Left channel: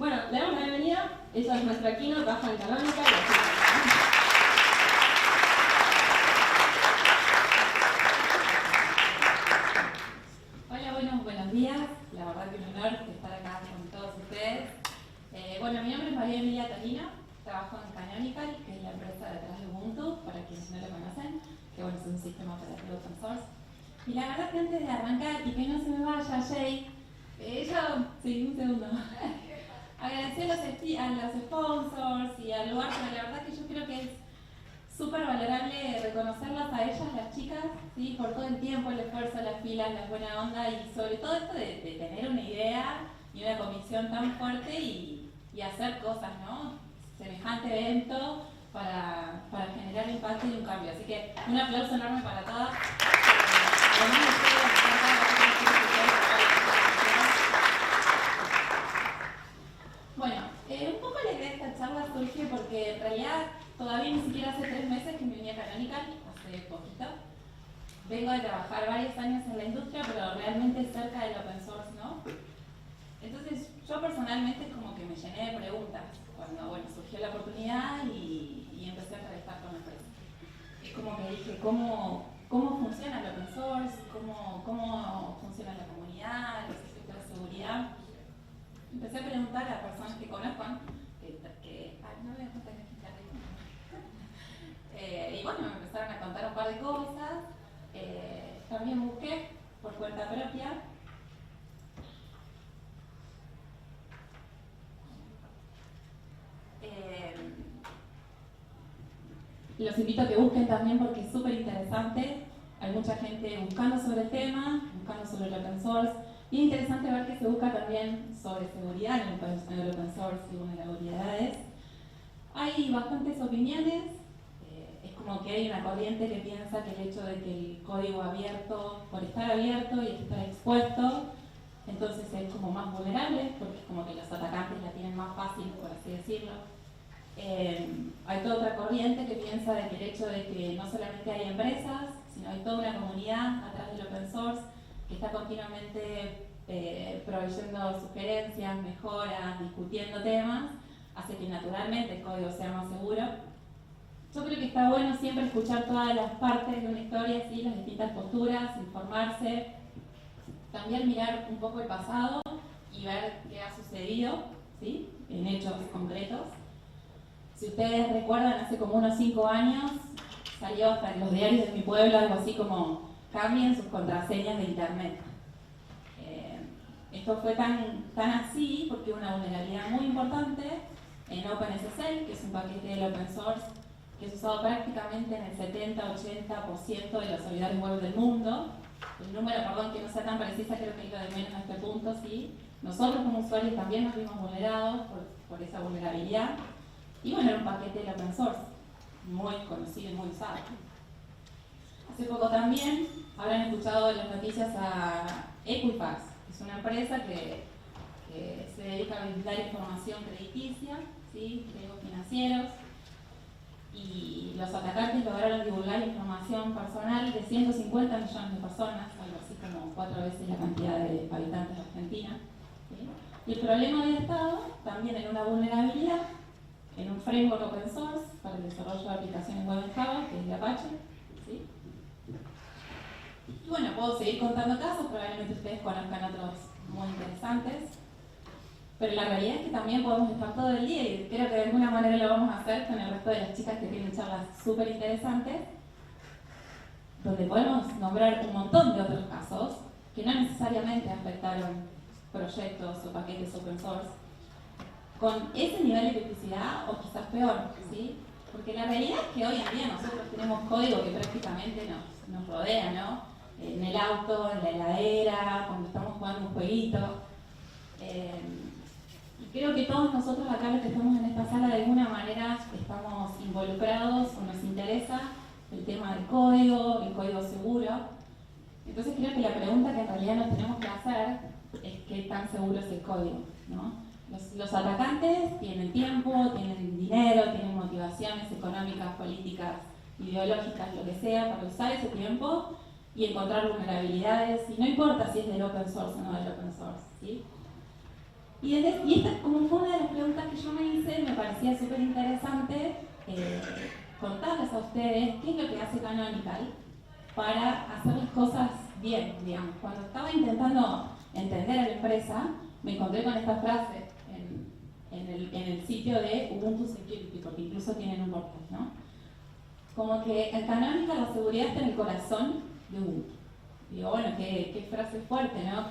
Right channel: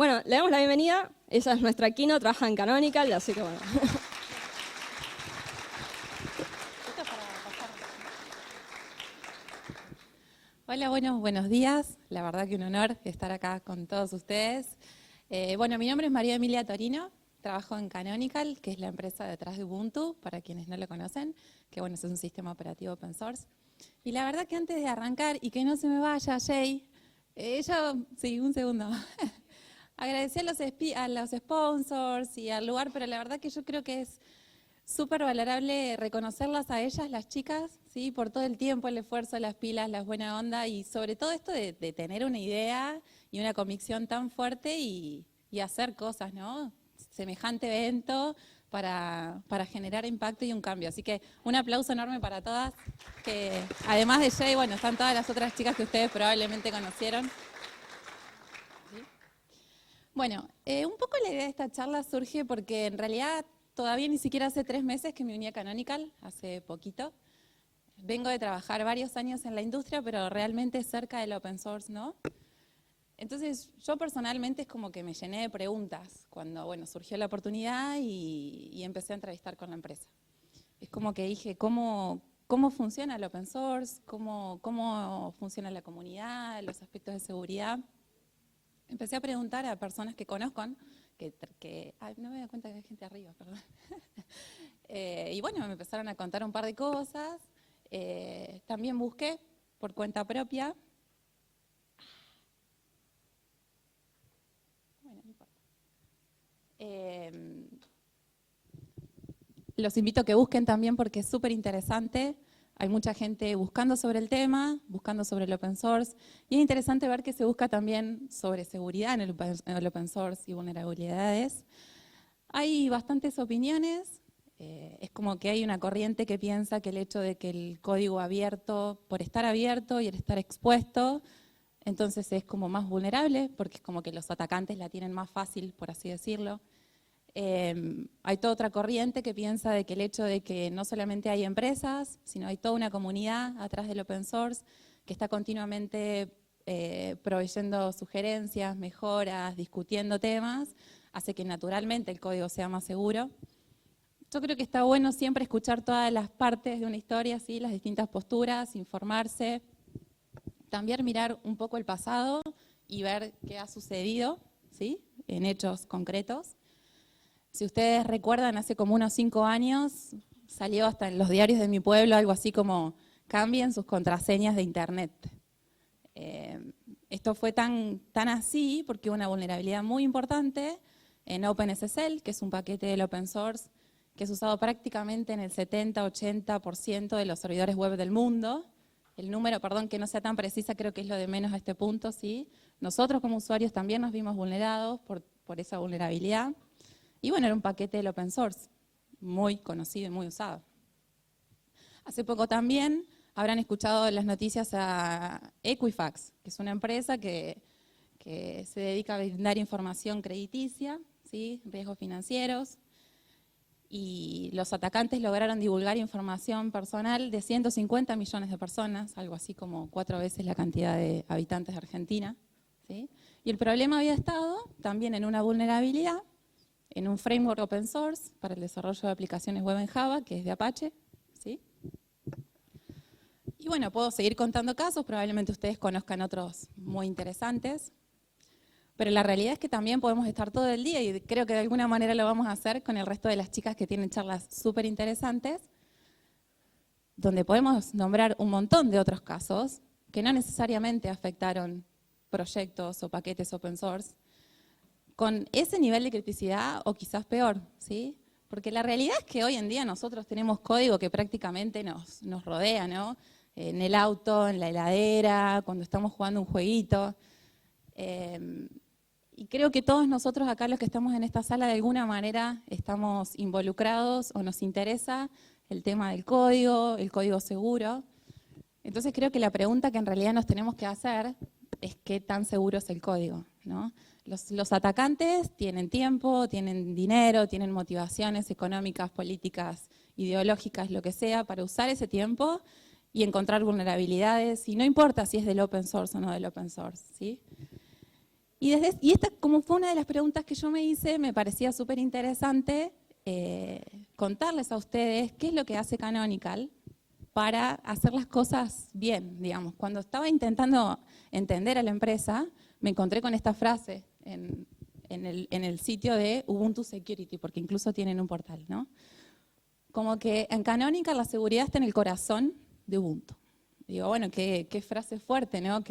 Bueno, le damos la bienvenida. Ella es nuestra Kino, trabaja en Canonical y así como... Hola, buenos días. La verdad que un honor estar acá con todos ustedes. Bueno, mi nombre es María Emilia Torino, trabajo en Canonical, que es la empresa detrás de Ubuntu, para quienes no lo conocen, que bueno, es un sistema operativo open source. Y la verdad que antes de arrancar, y que no se me vaya Jay, sí, un segundo. Agradecer a los sponsors y al lugar, pero la verdad que yo creo que es súper valorable reconocerlas a ellas, las chicas, ¿sí? Por todo el tiempo, el esfuerzo, las pilas, la buena onda y sobre todo esto de tener una idea y una convicción tan fuerte y hacer cosas, ¿no? Semejante evento para generar impacto y un cambio. Así que un aplauso enorme para todas. Además de Jay, bueno, son todas las otras chicas que ustedes probablemente conocieron. Bueno, un poco la idea de esta charla surge porque en realidad todavía ni siquiera hace 3 meses que me uní a Canonical, hace poquito. Vengo de trabajar varios años en la industria, pero realmente cerca del open source, ¿no? Entonces yo personalmente es como que me llené de preguntas cuando bueno, surgió la oportunidad y empecé a entrevistar con la empresa. Es como que dije, ¿cómo funciona el open source? ¿Cómo funciona la comunidad? Los aspectos de seguridad. Empecé a preguntar a personas que conozco, no me doy cuenta que hay gente arriba. Y bueno, me empezaron a contar un par de cosas. También busqué por cuenta propia. Los invito a que busquen también porque es súper interesante. Hay mucha gente buscando sobre el tema, buscando sobre el open source. Y es interesante ver que se busca también sobre seguridad en el open source y vulnerabilidades. Hay bastantes opiniones. Es como que hay una corriente que piensa que el hecho de que el código abierto, por estar abierto y el estar expuesto, entonces es como más vulnerable, porque es como que los atacantes la tienen más fácil, por así decirlo. Hay toda otra corriente que piensa de que el hecho de que no solamente hay empresas, sino hay toda una comunidad atrás del open source que está continuamente proveyendo sugerencias, mejoras, discutiendo temas, hace que naturalmente el código sea más seguro. Yo creo que está bueno siempre escuchar todas las partes de una historia, ¿sí? Las distintas posturas, informarse, también mirar un poco el pasado y ver qué ha sucedido, ¿sí? En hechos concretos. Si ustedes recuerdan, hace como unos 5 años salió hasta en los diarios de mi pueblo algo así como cambien sus contraseñas de internet. Esto fue tan así porque hubo una vulnerabilidad muy importante en OpenSSL, que es un paquete del open source que es usado prácticamente en el 70-80% de los servidores web del mundo. El número, perdón, que no sea tan precisa, creo que es lo de menos a este punto, ¿sí? Nosotros como usuarios también nos vimos vulnerados por esa vulnerabilidad. Y bueno, era un paquete del open source, muy conocido y muy usado. Hace poco también habrán escuchado las noticias a Equifax, que es una empresa que se dedica a brindar información crediticia, ¿sí? Riesgos financieros. Y los atacantes lograron divulgar información personal de 150 millones de personas, algo así como 4 veces la cantidad de habitantes de Argentina, ¿sí? Y el problema había estado también en una vulnerabilidad en un framework open source para el desarrollo de aplicaciones web en Java, que es de Apache, ¿sí? Y bueno, puedo seguir contando casos, probablemente ustedes conozcan otros muy interesantes, pero la realidad es que también podemos estar todo el día y creo que de alguna manera lo vamos a hacer con el resto de las chicas que tienen charlas súper interesantes, donde podemos nombrar un montón de otros casos que no necesariamente afectaron proyectos o paquetes open source, con ese nivel de criticidad o quizás peor, ¿sí? Porque la realidad es que hoy en día nosotros tenemos código que prácticamente nos rodea, ¿no? En el auto, en la heladera, cuando estamos jugando un jueguito. Y creo que todos nosotros acá los que estamos en esta sala de alguna manera estamos involucrados o nos interesa el tema del código, el código seguro. Entonces creo que la pregunta que en realidad nos tenemos que hacer es qué tan seguro es el código, ¿no? Los atacantes tienen tiempo, tienen dinero, tienen motivaciones económicas, políticas, ideológicas, lo que sea, para usar ese tiempo y encontrar vulnerabilidades, y no importa si es del open source o no del open source, ¿sí? Y esta, como fue una de las preguntas que yo me hice, me parecía súper interesante contarles a ustedes qué es lo que hace Canonical para hacer las cosas bien, digamos. Cuando estaba intentando entender a la empresa, me encontré con esta frase en el sitio de Ubuntu Security, porque incluso tienen un portal, ¿no? Como que en Canonical la seguridad está en el corazón de Ubuntu. Digo, bueno, qué frase fuerte, ¿no?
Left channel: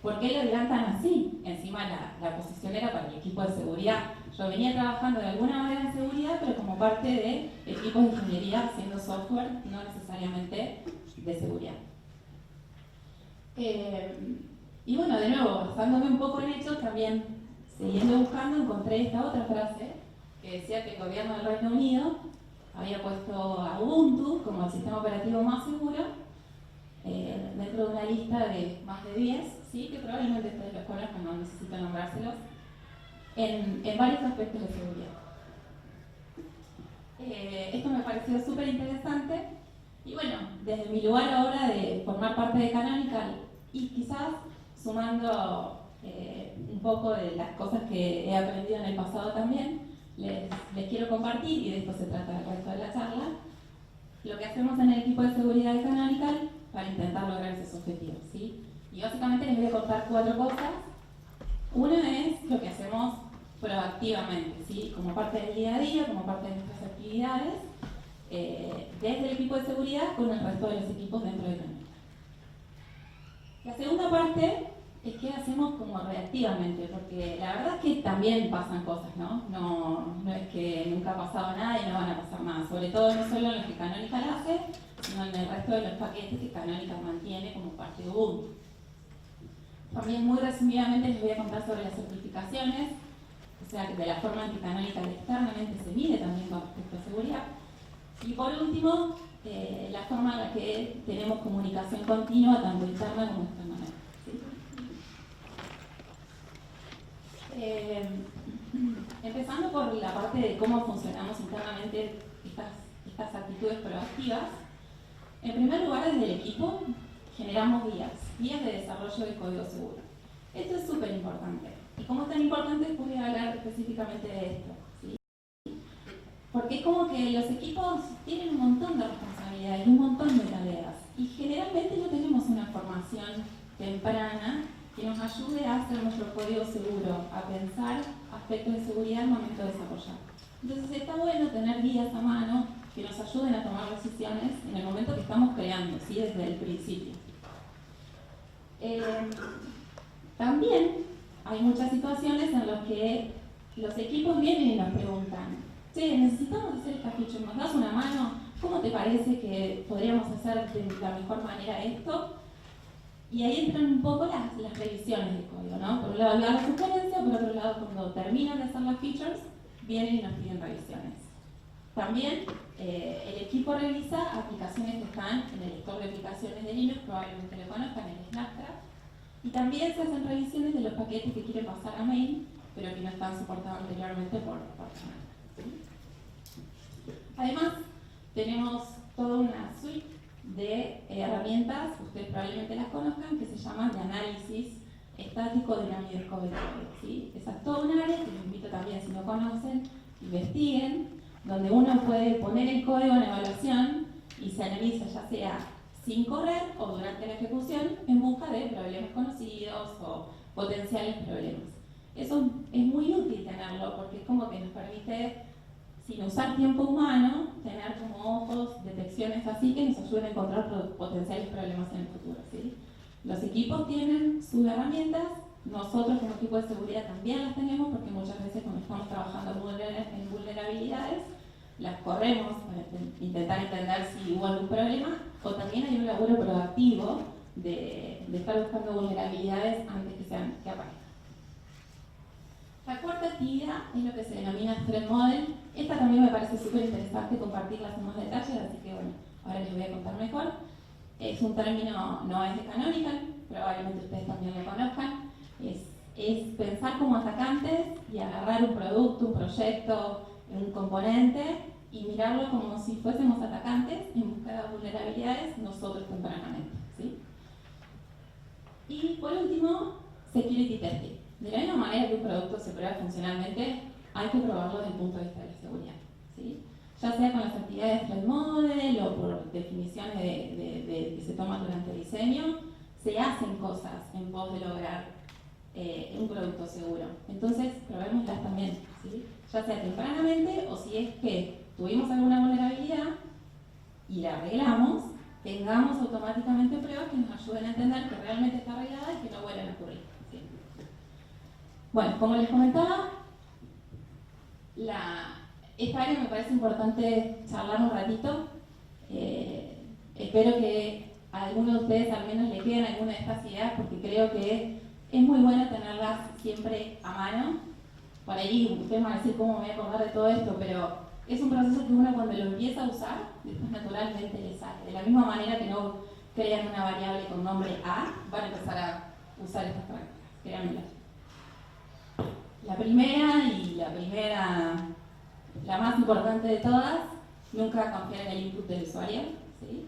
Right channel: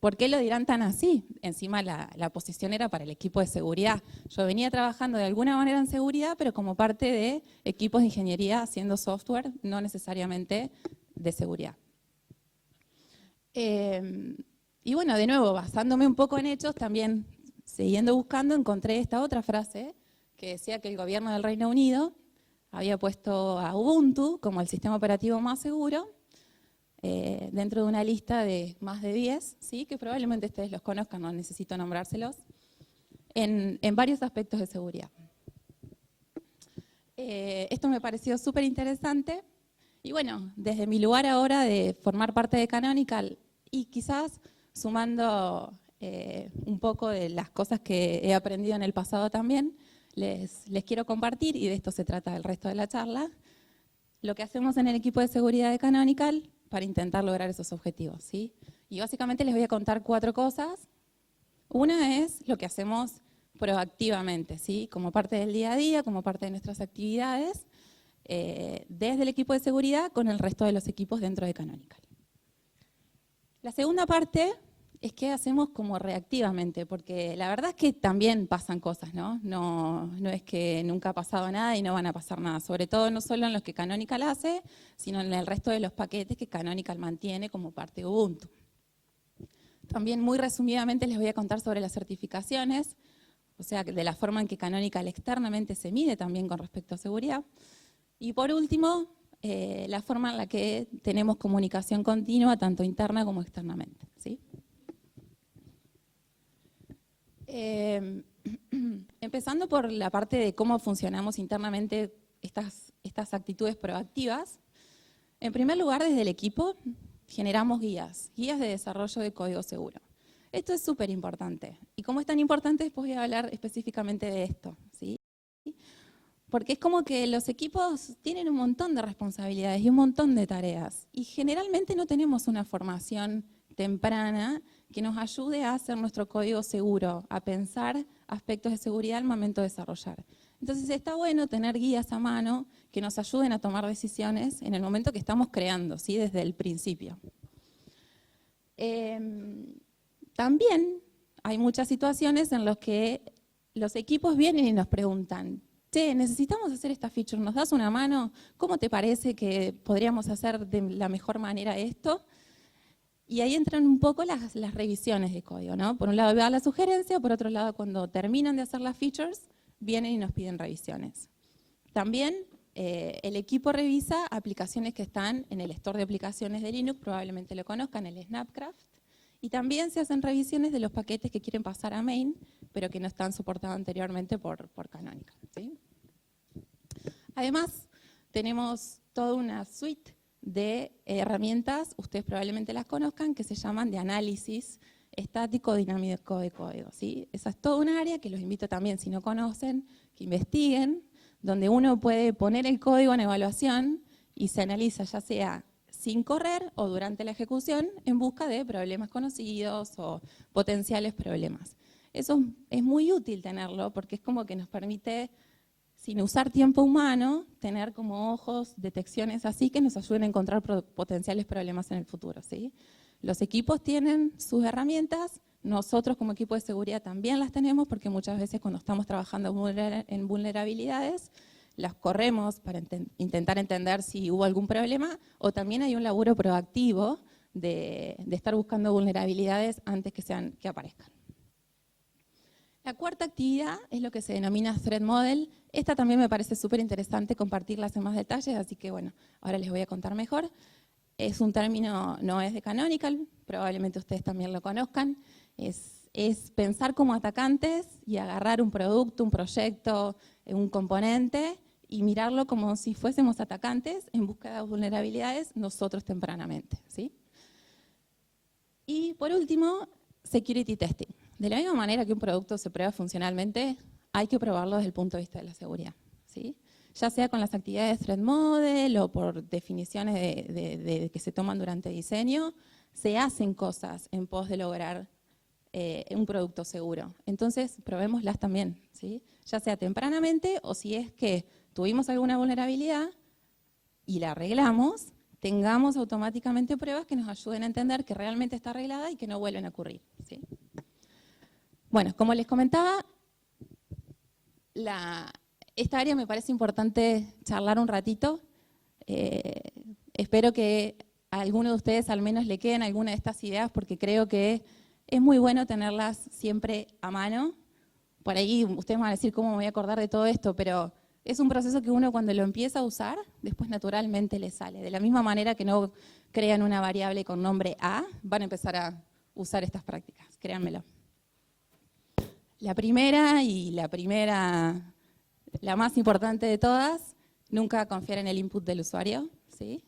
¿Por qué lo dirán tan así? Encima la posición era para el equipo de seguridad. Yo venía trabajando de alguna manera en seguridad, pero como parte de equipos de ingeniería haciendo software, no necesariamente de seguridad. Y bueno, de nuevo, basándome un poco en hechos, también siguiendo buscando, encontré esta otra frase que decía que el gobierno del Reino Unido había puesto a Ubuntu como el sistema operativo más seguro dentro de una lista de más de 10, ¿sí? Que probablemente ustedes los conozcan, no necesito nombrárselos, en varios aspectos de seguridad. Esto me pareció súper interesante y bueno, desde mi lugar ahora de formar parte de Canonical y quizás sumando un poco de las cosas que he aprendido en el pasado también, les quiero compartir, y de esto se trata el resto de la charla, lo que hacemos en el equipo de seguridad de Canonical para intentar lograr esos objetivos, ¿sí? Y básicamente les voy a contar 4 cosas. Una es lo que hacemos proactivamente, ¿sí? Como parte del día a día, como parte de nuestras actividades, desde el equipo de seguridad con el resto de los equipos dentro de Canonical. La segunda parte es que hacemos como reactivamente, porque la verdad es que también pasan cosas, ¿no? No es que nunca ha pasado nada y no van a pasar nada, sobre todo no solo en los que Canonical hace, sino en el resto de los paquetes que Canonical mantiene como parte de Ubuntu. También muy resumidamente les voy a contar sobre las certificaciones, o sea, de la forma en que Canonical externamente se mide también con respecto a seguridad. Y por último, la forma en la que tenemos comunicación continua, tanto interna como externamente, ¿sí? Empezando por la parte de cómo funcionamos internamente estas actitudes proactivas. En primer lugar, desde el equipo generamos guías de desarrollo de código seguro. Esto es súper importante. Y como es tan importante, después voy a hablar específicamente de esto, ¿sí? Porque es como que los equipos tienen un montón de responsabilidades y un montón de tareas. Y generalmente no tenemos una formación temprana que nos ayude a hacer nuestro código seguro, a pensar aspectos de seguridad al momento de desarrollar. Entonces está bueno tener guías a mano que nos ayuden a tomar decisiones en el momento que estamos creando, ¿sí? Desde el principio. También hay muchas situaciones en las que los equipos vienen y nos preguntan: che, necesitamos hacer esta feature, ¿nos das una mano? ¿Cómo te parece que podríamos hacer de la mejor manera esto? Y ahí entran un poco las revisiones de código, ¿no? Por un lado dar la sugerencia, por otro lado cuando terminan de hacer las features, vienen y nos piden revisiones. También el equipo revisa aplicaciones que están en el store de aplicaciones de Linux, probablemente lo conozcan, el Snapcraft, y también se hacen revisiones de los paquetes que quieren pasar a main, pero que no están soportados anteriormente por Canonical, ¿sí? Además, tenemos toda una suite de herramientas, ustedes probablemente las conozcan, que se llaman de análisis estático dinámico de código, ¿sí? Esa es toda un área que los invito también, si no conocen, que investiguen, donde uno puede poner el código en evaluación y se analiza ya sea sin correr o durante la ejecución en busca de problemas conocidos o potenciales problemas. Eso es muy útil tenerlo porque es como que nos permite, sin usar tiempo humano, tener como ojos, detecciones así que nos ayuden a encontrar potenciales problemas en el futuro, ¿sí? Los equipos tienen sus herramientas, nosotros como equipo de seguridad también las tenemos porque muchas veces cuando estamos trabajando en vulnerabilidades las corremos para intentar entender si hubo algún problema, o también hay un laburo proactivo de estar buscando vulnerabilidades antes que aparezcan. La cuarta actividad es lo que se denomina Threat Model. Esta también me parece súper interesante compartirlas en más detalles, así que bueno, ahora les voy a contar mejor. Es un término, no es de Canonical, probablemente ustedes también lo conozcan. Es pensar como atacantes y agarrar un producto, un proyecto, un componente y mirarlo como si fuésemos atacantes en busca de vulnerabilidades nosotros tempranamente, ¿sí? Y por último, Security Testing. De la misma manera que un producto se prueba funcionalmente, hay que probarlo desde el punto de vista de la seguridad, ¿sí? Ya sea con las actividades de threat model o por definiciones que se toman durante el diseño, se hacen cosas en pos de lograr un producto seguro. Entonces, probémoslas también, ¿sí? Ya sea tempranamente o si es que tuvimos alguna vulnerabilidad y la arreglamos, tengamos automáticamente pruebas que nos ayuden a entender que realmente está arreglada y que no vuelven a ocurrir, ¿sí? Bueno, como les comentaba, esta área me parece importante charlar un ratito. Espero que a alguno de ustedes al menos le queden alguna de estas ideas, porque creo que es muy bueno tenerlas siempre a mano. Por ahí ustedes van a decir cómo me voy a acordar de todo esto, pero es un proceso que uno cuando lo empieza a usar, después naturalmente le sale. De la misma manera que no crean una variable con nombre A, van a empezar a usar estas prácticas, créanmelo. La primera, la más importante de todas, nunca confiar en el input del usuario, ¿sí?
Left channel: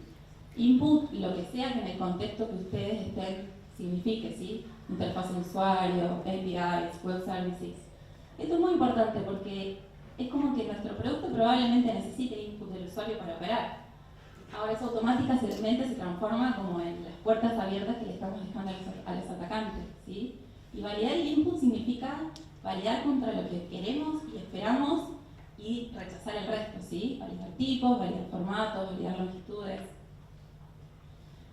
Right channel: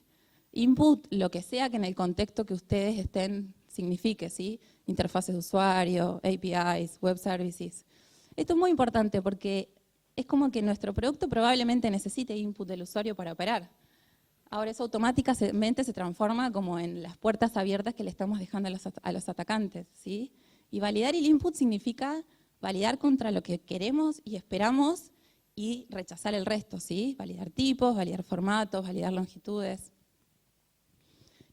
Input, lo que sea que en el contexto que ustedes estén signifique, ¿sí? Interfaces de usuario, APIs, web services. Esto es muy importante porque es como que nuestro producto probablemente necesite input del usuario para operar. Ahora eso automáticamente se transforma como en las puertas abiertas que le estamos dejando a los atacantes, ¿sí? Y validar el input significa validar contra lo que queremos y esperamos y rechazar el resto, ¿sí? Validar tipos, validar formatos, validar longitudes.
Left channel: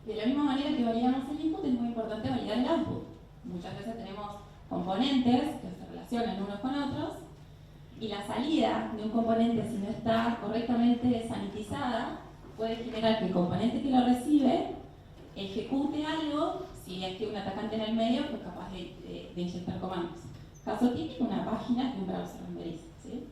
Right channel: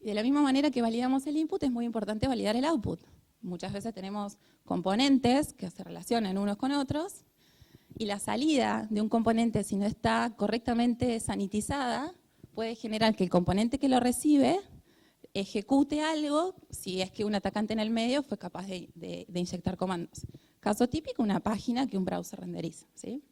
Y de la misma manera que validamos el input, es muy importante validar el output. Muchas veces tenemos componentes que se relacionan unos con otros y la salida de un componente, si no está correctamente sanitizada, puede generar que el componente que lo recibe ejecute algo si es que un atacante en el medio fue capaz de inyectar comandos. Caso típico, una página que un browser renderiza, ¿sí?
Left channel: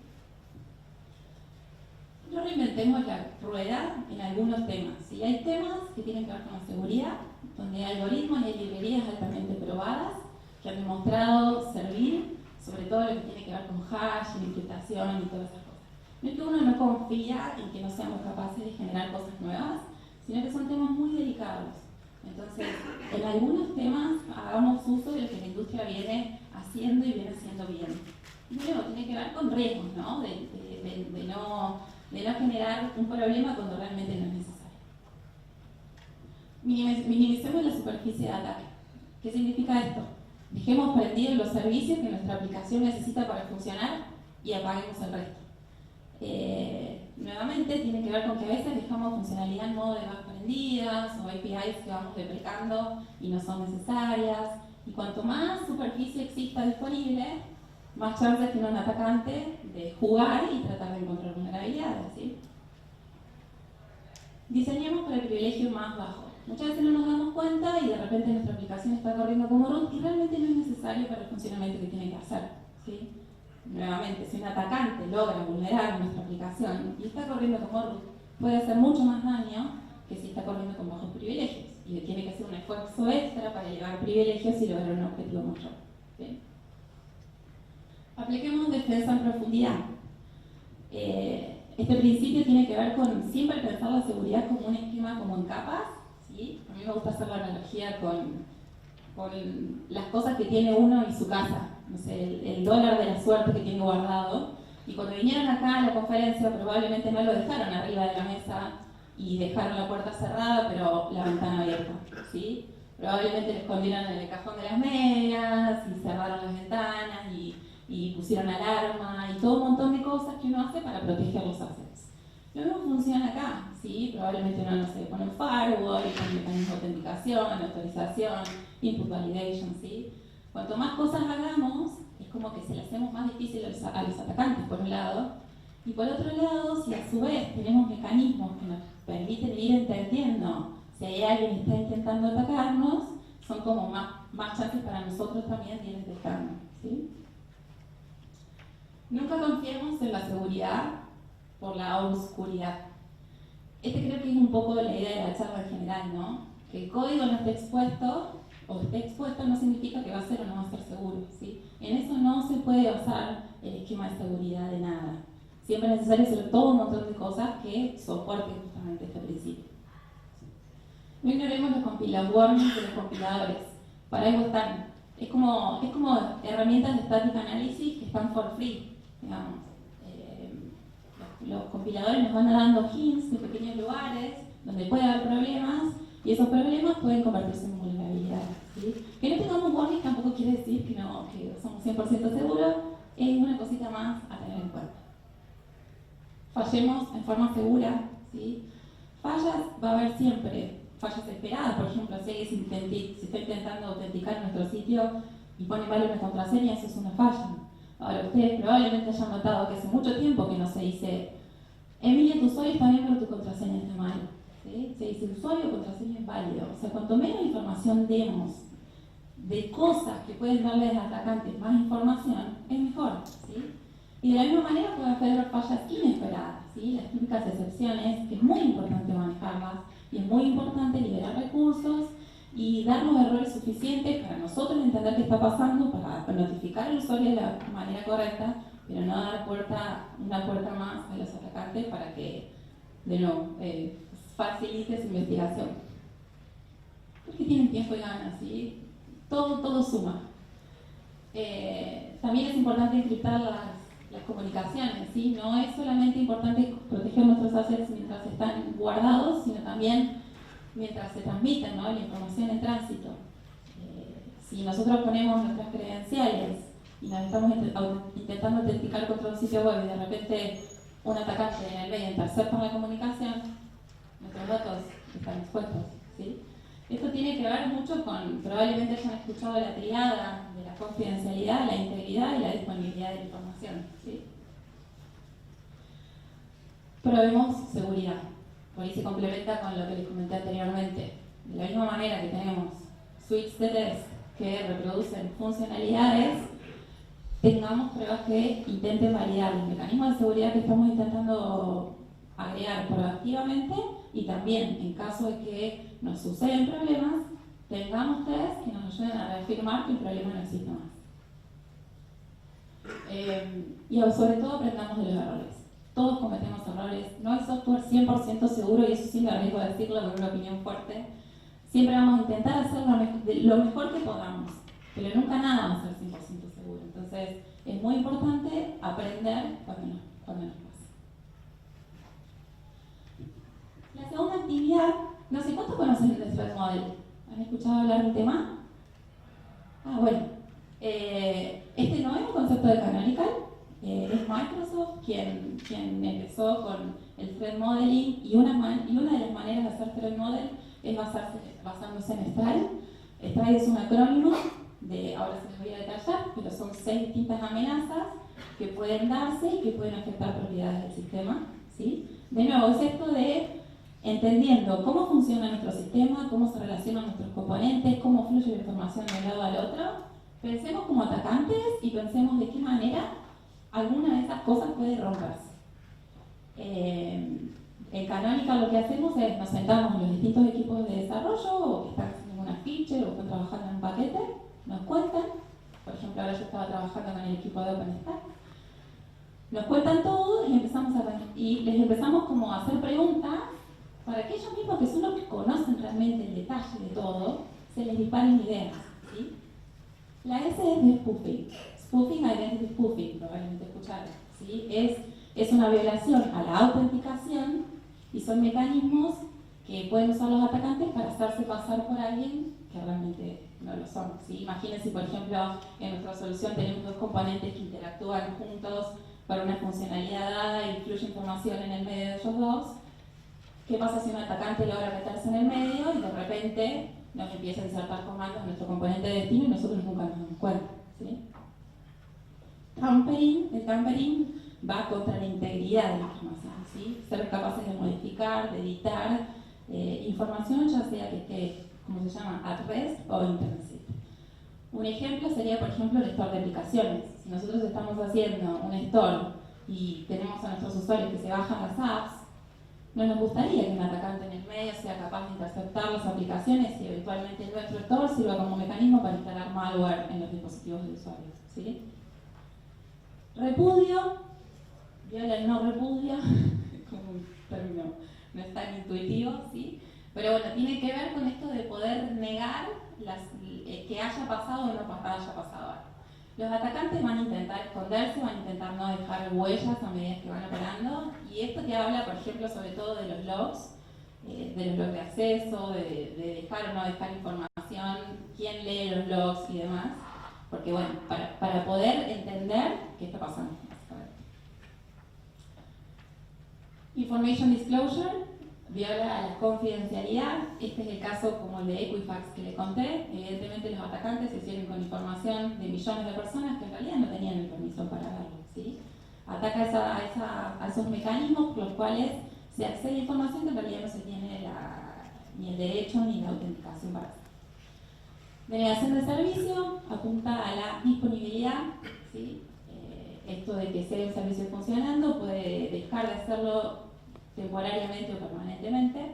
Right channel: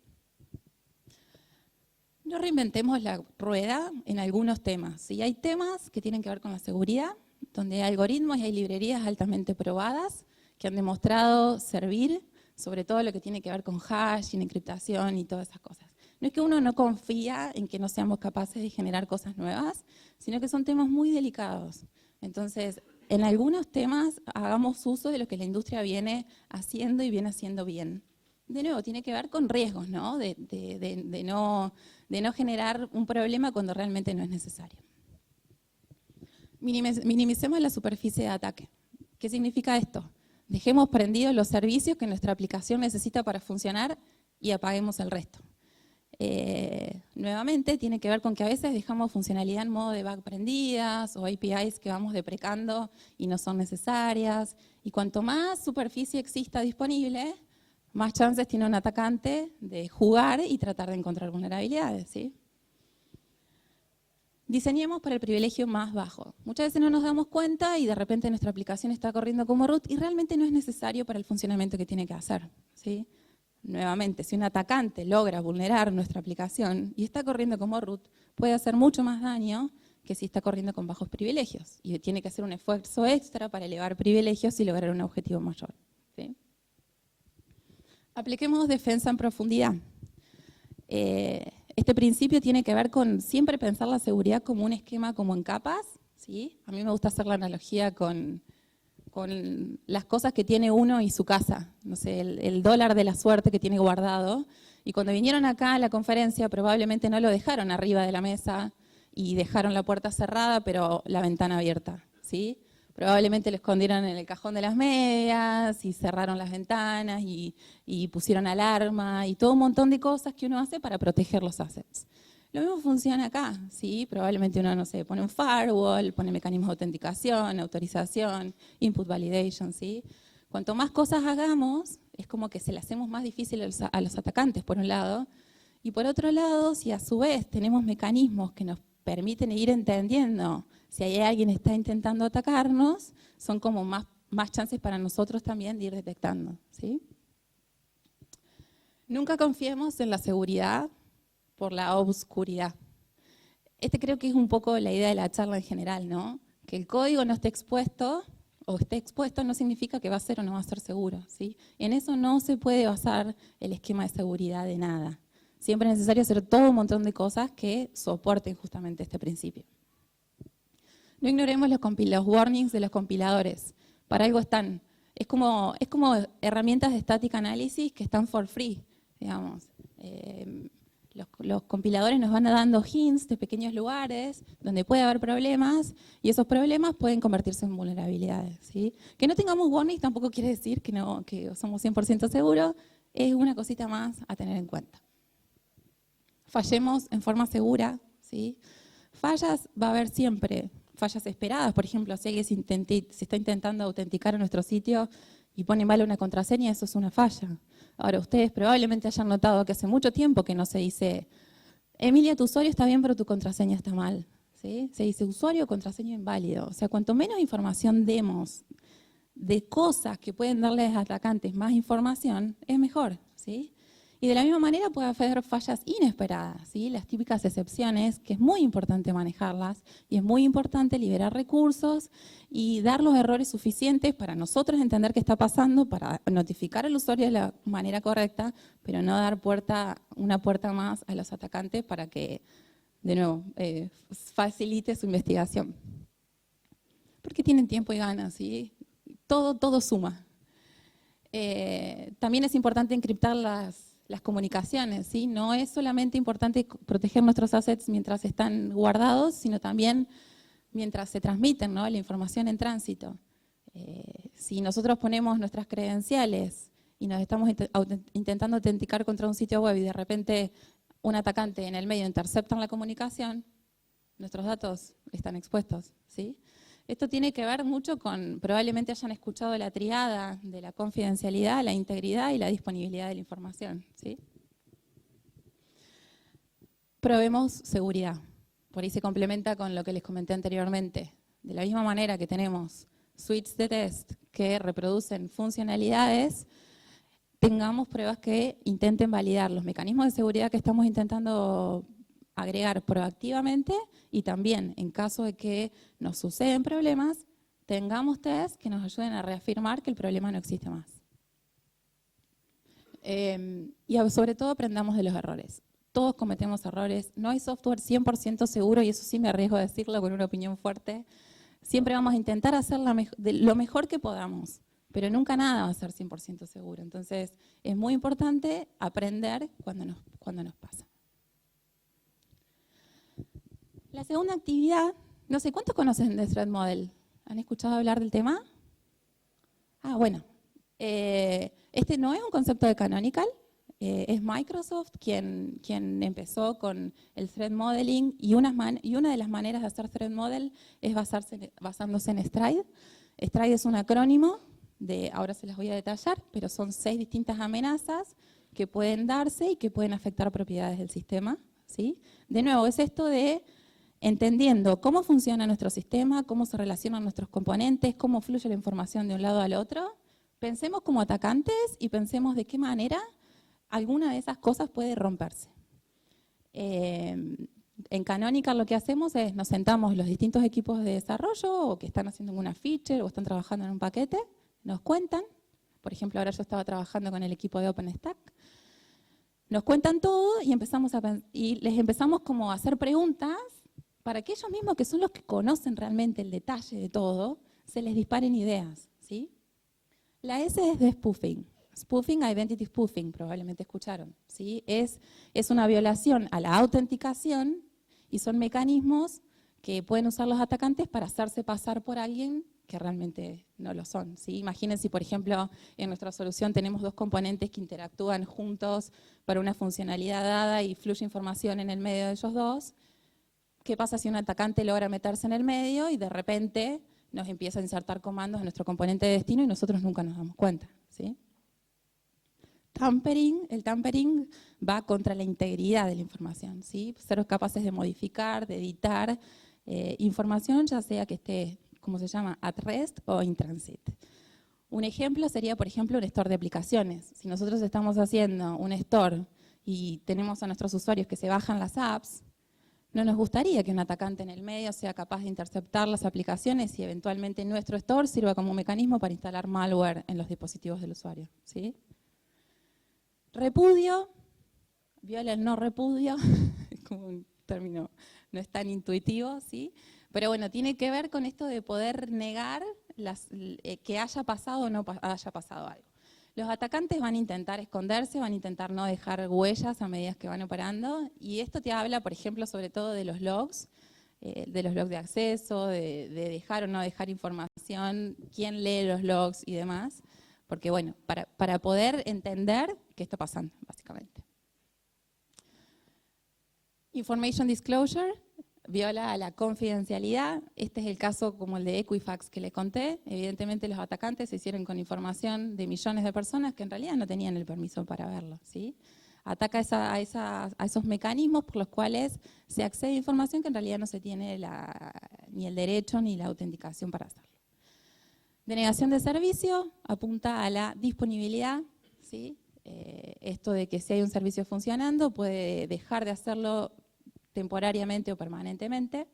No reinventemos la rueda en algunos temas, ¿sí? Hay temas que tienen que ver con la seguridad, donde hay algoritmos y hay librerías altamente probadas que han demostrado servir, sobre todo lo que tiene que ver con hash, encriptación y todas esas cosas. No es que uno no confía en que no seamos capaces de generar cosas nuevas, sino que son temas muy delicados. Entonces, en algunos temas hagamos uso de lo que la industria viene haciendo y viene haciendo bien. De nuevo, tiene que ver con riesgos, ¿no? De no generar un problema cuando realmente no es necesario. Minimicemos la superficie de ataque. ¿Qué significa esto? Dejemos prendidos los servicios que nuestra aplicación necesita para funcionar y apaguemos el resto. Nuevamente tiene que ver con que a veces dejamos funcionalidad en modo debug prendidas o APIs que vamos deprecando y no son necesarias. Y cuanto más superficie exista disponible, más chances tiene un atacante de jugar y tratar de encontrar vulnerabilidades, ¿sí? Diseñemos para el privilegio más bajo. Muchas veces no nos damos cuenta y de repente nuestra aplicación está corriendo como root y realmente no es necesario para el funcionamiento que tiene que hacer, ¿sí? Nuevamente, si un atacante logra vulnerar nuestra aplicación y está corriendo como root, puede hacer mucho más daño que si está corriendo con bajos privilegios y tiene que hacer un esfuerzo extra para elevar privilegios y lograr un objetivo mayor, ¿sí? Apliquemos defensa en profundidad. Este principio tiene que ver con siempre pensar la seguridad como un esquema como en capas, ¿sí? A mí me gusta hacer la analogía con las cosas que tiene uno y su casa, no sé, el dólar de la suerte que tiene guardado. Y cuando vinieron acá a la conferencia probablemente no lo dejaron arriba de la mesa y dejaron la puerta cerrada pero la ventana abierta, ¿sí? Probablemente lo escondieron en el cajón de las medias y cerraron las ventanas y pusieron alarma y todo un montón de cosas que uno hace para proteger los assets. Lo mismo funciona acá, ¿sí? Probablemente uno, no sé, pone un firewall, pone un mecanismo de autenticación, autorización, input validation, ¿sí? Cuanto más cosas hagamos, es como que se le hacemos más difícil a los atacantes, por un lado, y por otro lado, si a su vez tenemos mecanismos que nos permiten ir entendiendo si hay alguien que está intentando atacarnos, son como más chances para nosotros también de ir detectando, ¿sí? Nunca confiemos en la seguridad por la oscuridad. Creo que es un poco la idea de la charla en general, ¿no? Que el código no esté expuesto o esté expuesto no significa que va a ser o no va a ser seguro, ¿sí? En eso no se puede basar el esquema de seguridad de nada. Siempre es necesario hacer todo un montón de cosas que soporten justamente este principio. No ignoremos los warnings de los compiladores. Para algo están. Es como herramientas de static analysis que están for free, digamos. Los compiladores nos van dando hints de pequeños lugares donde puede haber problemas y esos problemas pueden convertirse en vulnerabilidades, ¿sí? Que no tengamos warnings tampoco quiere decir que somos 100% seguros, es una cosita más a tener en cuenta. Fallemos en forma segura, ¿sí? Fallas va a haber siempre, fallas esperadas, por ejemplo, si alguien se está intentando autenticar en nuestro sitio y pone mal una contraseña, eso es una falla. Ahora, ustedes probablemente hayan notado que hace mucho tiempo que no se dice Emilia, tu usuario está bien, pero tu contraseña está mal, ¿sí? Se dice usuario o contraseña inválido. O sea, cuanto menos información demos de cosas que pueden darles a atacantes más información, es mejor, ¿sí? Y de la misma manera puede haber fallas inesperadas, ¿sí? Las típicas excepciones, que es muy importante manejarlas y es muy importante liberar recursos y dar los errores suficientes para nosotros entender qué está pasando, para notificar al usuario de la manera correcta, pero no dar una puerta más a los atacantes para que, de nuevo, facilite su investigación. Porque tienen tiempo y ganas, ¿sí? Todo suma. También es importante encriptar las comunicaciones, ¿sí? No es solamente importante proteger nuestros assets mientras están guardados, sino también mientras se transmiten, ¿no? La información en tránsito. Si nosotros ponemos nuestras credenciales y nos estamos intentando autenticar contra un sitio web y de repente un atacante en el medio intercepta la comunicación, nuestros datos están expuestos, ¿sí? Esto tiene que ver mucho con, probablemente hayan escuchado la triada de la confidencialidad, la integridad y la disponibilidad de la información, ¿sí? Probemos seguridad. Por ahí se complementa con lo que les comenté anteriormente. De la misma manera que tenemos suites de test que reproducen funcionalidades, tengamos pruebas que intenten validar los mecanismos de seguridad que estamos intentando agregar proactivamente y también, en caso de que nos suceden problemas, tengamos test que nos ayuden a reafirmar que el problema no existe más. Y sobre todo aprendamos de los errores. Todos cometemos errores, no hay software 100% seguro y eso sí me arriesgo a decirlo con una opinión fuerte. Siempre vamos a intentar hacer lo mejor que podamos, pero nunca nada va a ser 100% seguro. Entonces es muy importante aprender cuando nos pasa. La segunda actividad, no sé, ¿cuántos conocen de Threat Model? ¿Han escuchado hablar del tema? Bueno, este no es un concepto de Canonical, es Microsoft quien empezó con el Threat Modeling y una de las maneras de hacer Threat Model es basándose en Stride. Stride es un acrónimo ahora se les voy a detallar, pero son 6 distintas amenazas que pueden darse y que pueden afectar propiedades del sistema, ¿sí? De nuevo, es esto de entendiendo cómo funciona nuestro sistema, cómo se relacionan nuestros componentes, cómo fluye la información de un lado al otro. Pensemos como atacantes y pensemos de qué manera alguna de esas cosas puede romperse. En Canonical lo que hacemos es nos sentamos los distintos equipos de desarrollo o que están haciendo una feature o están trabajando en un paquete, nos cuentan, por ejemplo ahora yo estaba trabajando con el equipo de OpenStack, nos cuentan todo y les empezamos como a hacer preguntas para que ellos mismos, que son los que conocen realmente el detalle de todo, se les disparen ideas, ¿sí? La S es de spoofing. Spoofing, identity spoofing, probablemente escucharon, ¿sí? Es una violación a la autenticación y son mecanismos que pueden usar los atacantes para hacerse pasar por alguien que realmente no lo son, ¿sí? Imagínense, por ejemplo, en nuestra solución tenemos 2 componentes que interactúan juntos para una funcionalidad dada y fluye información en el medio de ellos dos. ¿Qué pasa si un atacante logra meterse en el medio y de repente nos empieza a insertar comandos en nuestro componente de destino y nosotros nunca nos damos cuenta, ¿sí? El tampering va contra la integridad de la información, ¿sí? Ser capaces de modificar, de editar información, ya sea que esté, como se llama, at rest o in transit. Un ejemplo sería, por ejemplo, el store de aplicaciones. Si nosotros estamos haciendo un store y tenemos a nuestros usuarios que se bajan las apps, no nos gustaría que un atacante en el medio sea capaz de interceptar las aplicaciones y eventualmente nuestro store sirva como un mecanismo para instalar malware en los dispositivos del usuario, ¿sí? Repudio, viola el no repudio, es como un término no es tan intuitivo, ¿sí? Pero bueno, tiene que ver con esto de poder negar que haya pasado o no haya pasado algo. Los atacantes van a intentar esconderse, van a intentar no dejar huellas a medida que van operando, y esto te habla, por ejemplo, sobre todo de los logs de acceso, de dejar o no dejar información, quién lee los logs y demás, porque bueno, para poder entender qué está pasando, básicamente. Information disclosure viola la confidencialidad. Este es el caso como el de Equifax que les conté. Evidentemente los atacantes se hicieron con información de millones de personas que en realidad no tenían el permiso para verlo, ¿sí? Ataca a esos mecanismos por los cuales se accede a información que en realidad no se tiene ni el derecho ni la autenticación para hacer. Denegación de servicio apunta a la disponibilidad, ¿sí? Esto de que si hay un servicio funcionando puede dejar de hacerlo temporariamente o permanentemente.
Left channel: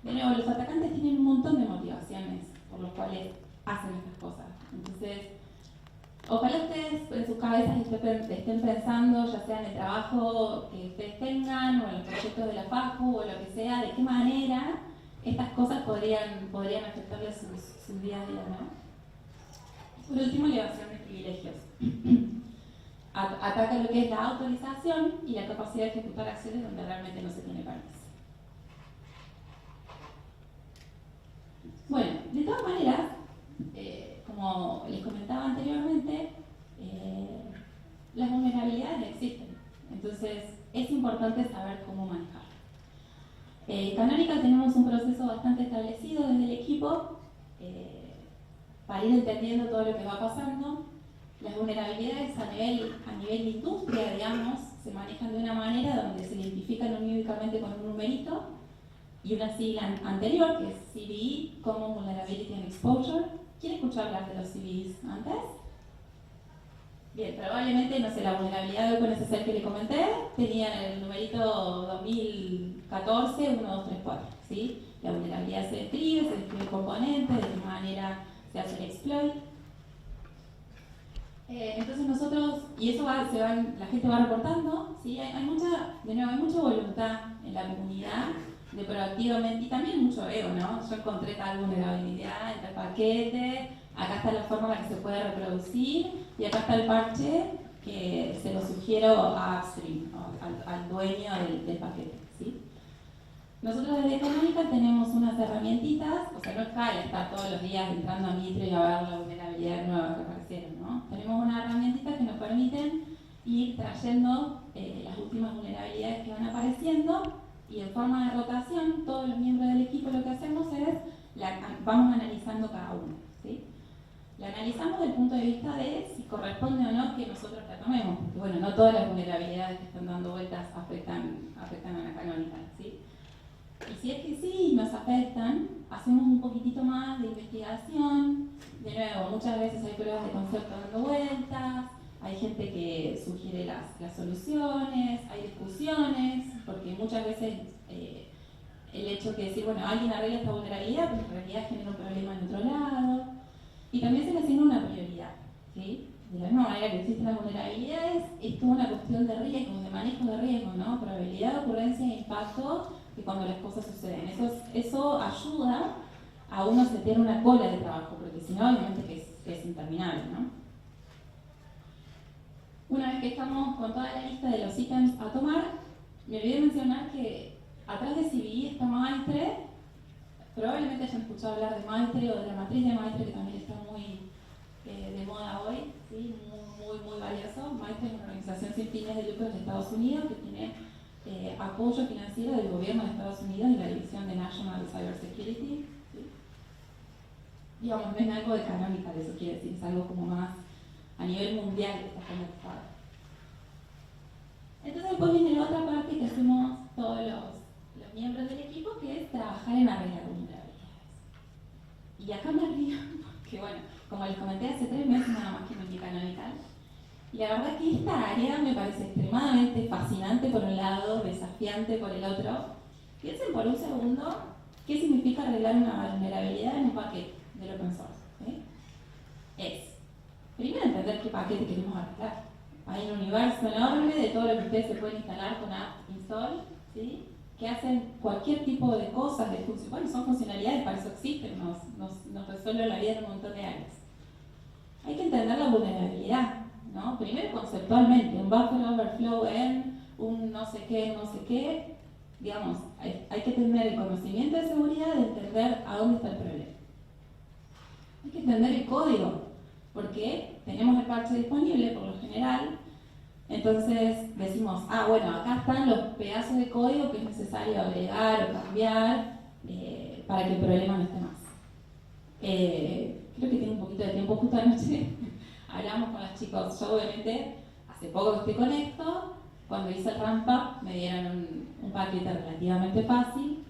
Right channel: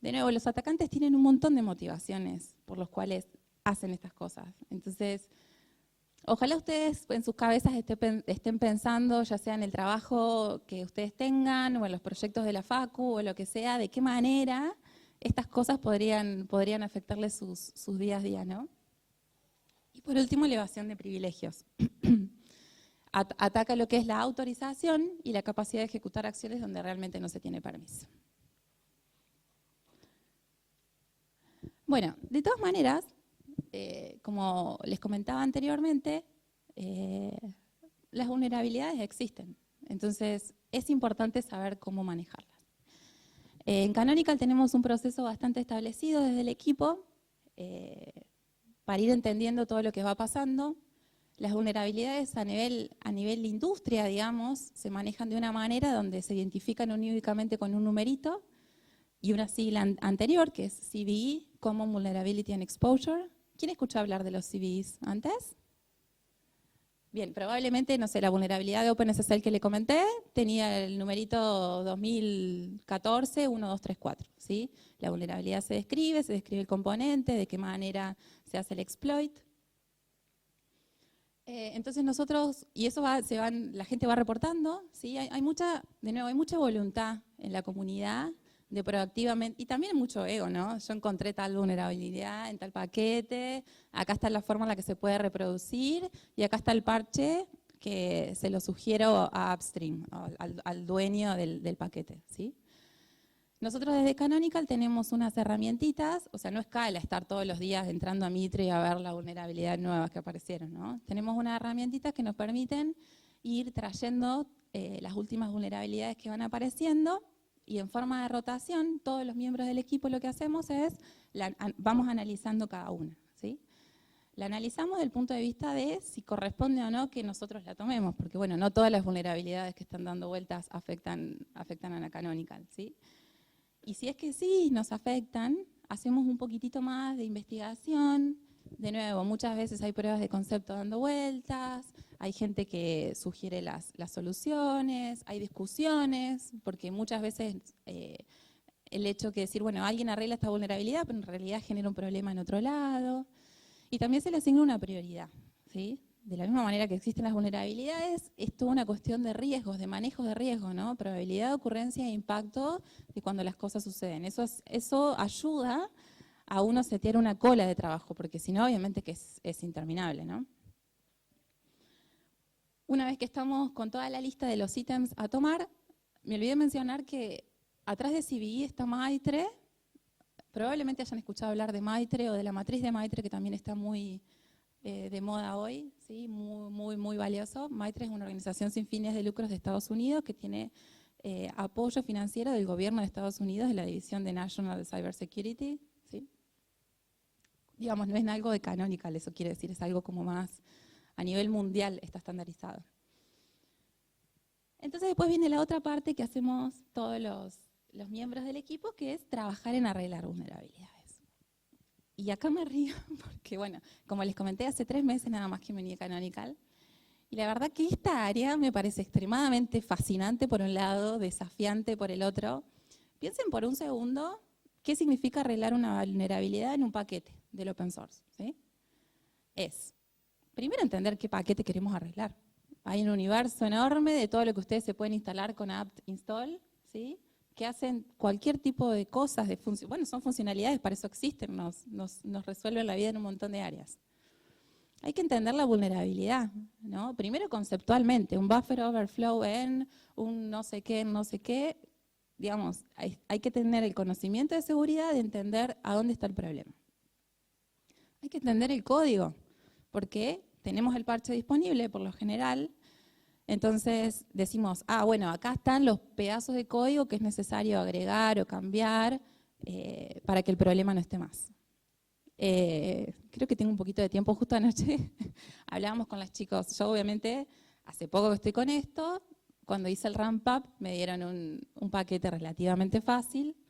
De nuevo, los atacantes tienen un montón de motivaciones por los cuales hacen estas cosas. Entonces, ojalá ustedes en sus cabezas estén pensando, ya sea en el trabajo que ustedes tengan, o en los proyectos de la facu, o lo que sea, de qué manera estas cosas podrían afectarles sus días a día, ¿no? Y por último, elevación de privilegios. Ataca lo que es la autorización y la capacidad de ejecutar acciones donde realmente no se tiene permiso. Bueno, de todas maneras, como les comentaba anteriormente, las vulnerabilidades existen, entonces es importante saber cómo manejarlas. En Canonical tenemos un proceso bastante establecido desde el equipo para ir entendiendo todo lo que va pasando. Las vulnerabilidades a nivel de industria, digamos, se manejan de una manera donde se identifican únicamente con un numerito y una sigla anterior, que es CVE, Common Vulnerability and Exposure. ¿Quién escuchó hablar de los CVEs antes? Bien, probablemente, no sé, la vulnerabilidad de OpenSSL que le comenté tenía el numerito 2014 1234, ¿sí? La vulnerabilidad se describe el componente, de qué manera se hace el exploit. Entonces nosotros, y eso la gente va reportando, ¿sí? Hay mucha voluntad en la comunidad de proactivamente, y también mucho ego, ¿no? Yo encontré tal vulnerabilidad en tal paquete, acá está la forma en la que se puede reproducir, y acá está el parche que se lo sugiero a upstream, al dueño del paquete, ¿sí? Nosotros desde Canonical tenemos unas herramientitas, o sea, no es cal estar todos los días entrando a Mitre y a ver la vulnerabilidad nueva que aparecieron, ¿no? Tenemos unas herramientitas que nos permiten ir trayendo las últimas vulnerabilidades que van apareciendo, y en forma de rotación, todos los miembros del equipo lo que hacemos es, vamos analizando cada una, ¿sí? La analizamos desde el punto de vista de si corresponde o no que nosotros la tomemos, porque bueno, no todas las vulnerabilidades que están dando vueltas afectan a la Canonical, ¿sí? Y si es que sí nos afectan, hacemos un poquitito más de investigación. De nuevo, muchas veces hay pruebas de concepto dando vueltas, hay gente que sugiere las soluciones, hay discusiones, porque muchas veces el hecho que decir, bueno, alguien arregla esta vulnerabilidad, pero en realidad genera un problema en otro lado. Y también se le asigna una prioridad, ¿sí? De la misma manera que existen las vulnerabilidades, es toda una cuestión de riesgos, de manejo de riesgos, ¿no? Probabilidad de ocurrencia e impacto de cuando las cosas suceden. Eso ayuda a uno setear una cola de trabajo, porque si no, obviamente que es interminable, ¿no? Una vez que estamos con toda la lista de los ítems a tomar, me olvidé mencionar que atrás de CVE está Maitre. Probablemente hayan escuchado hablar de Maitre o de la matriz de Maitre, que también está muy de moda hoy, ¿sí? Muy valioso. Maitre es una organización sin fines de lucros de Estados Unidos que tiene apoyo financiero del gobierno de Estados Unidos y la división de National Cybersecurity, ¿sí? Digamos, no es algo de Canonical, eso quiere decir, es algo como más a nivel mundial que está estandarizado. Entonces después viene la otra parte que hacemos todos los miembros del equipo, que es trabajar en arreglar vulnerabilidades. Y acá me río, porque bueno, como les comenté, hace 3 meses nada más que me uní a Canonical. Y la verdad que esta área me parece extremadamente fascinante por un lado, desafiante por el otro. Piensen por un segundo qué significa arreglar una vulnerabilidad en un paquete del open source, ¿sí? Es, primero, entender qué paquete queremos arreglar. Hay un universo enorme de todo lo que ustedes se pueden instalar con apt install, ¿sí? que hacen cualquier tipo de cosas, bueno, son funcionalidades, para eso existen, nos resuelven la vida en un montón de áreas. Hay que entender la vulnerabilidad, ¿no? Primero conceptualmente, un buffer overflow en un no sé qué, digamos, hay que tener el conocimiento de seguridad de entender a dónde está el problema. Hay que entender el código, porque tenemos el parche disponible por lo general, entonces decimos, bueno, acá están los pedazos de código que es necesario agregar o cambiar para que el problema no esté más. Creo que tengo un poquito de tiempo, justo anoche hablábamos con los chicos, yo obviamente hace poco que estoy con esto, cuando hice el ramp up me dieron un paquete relativamente fácil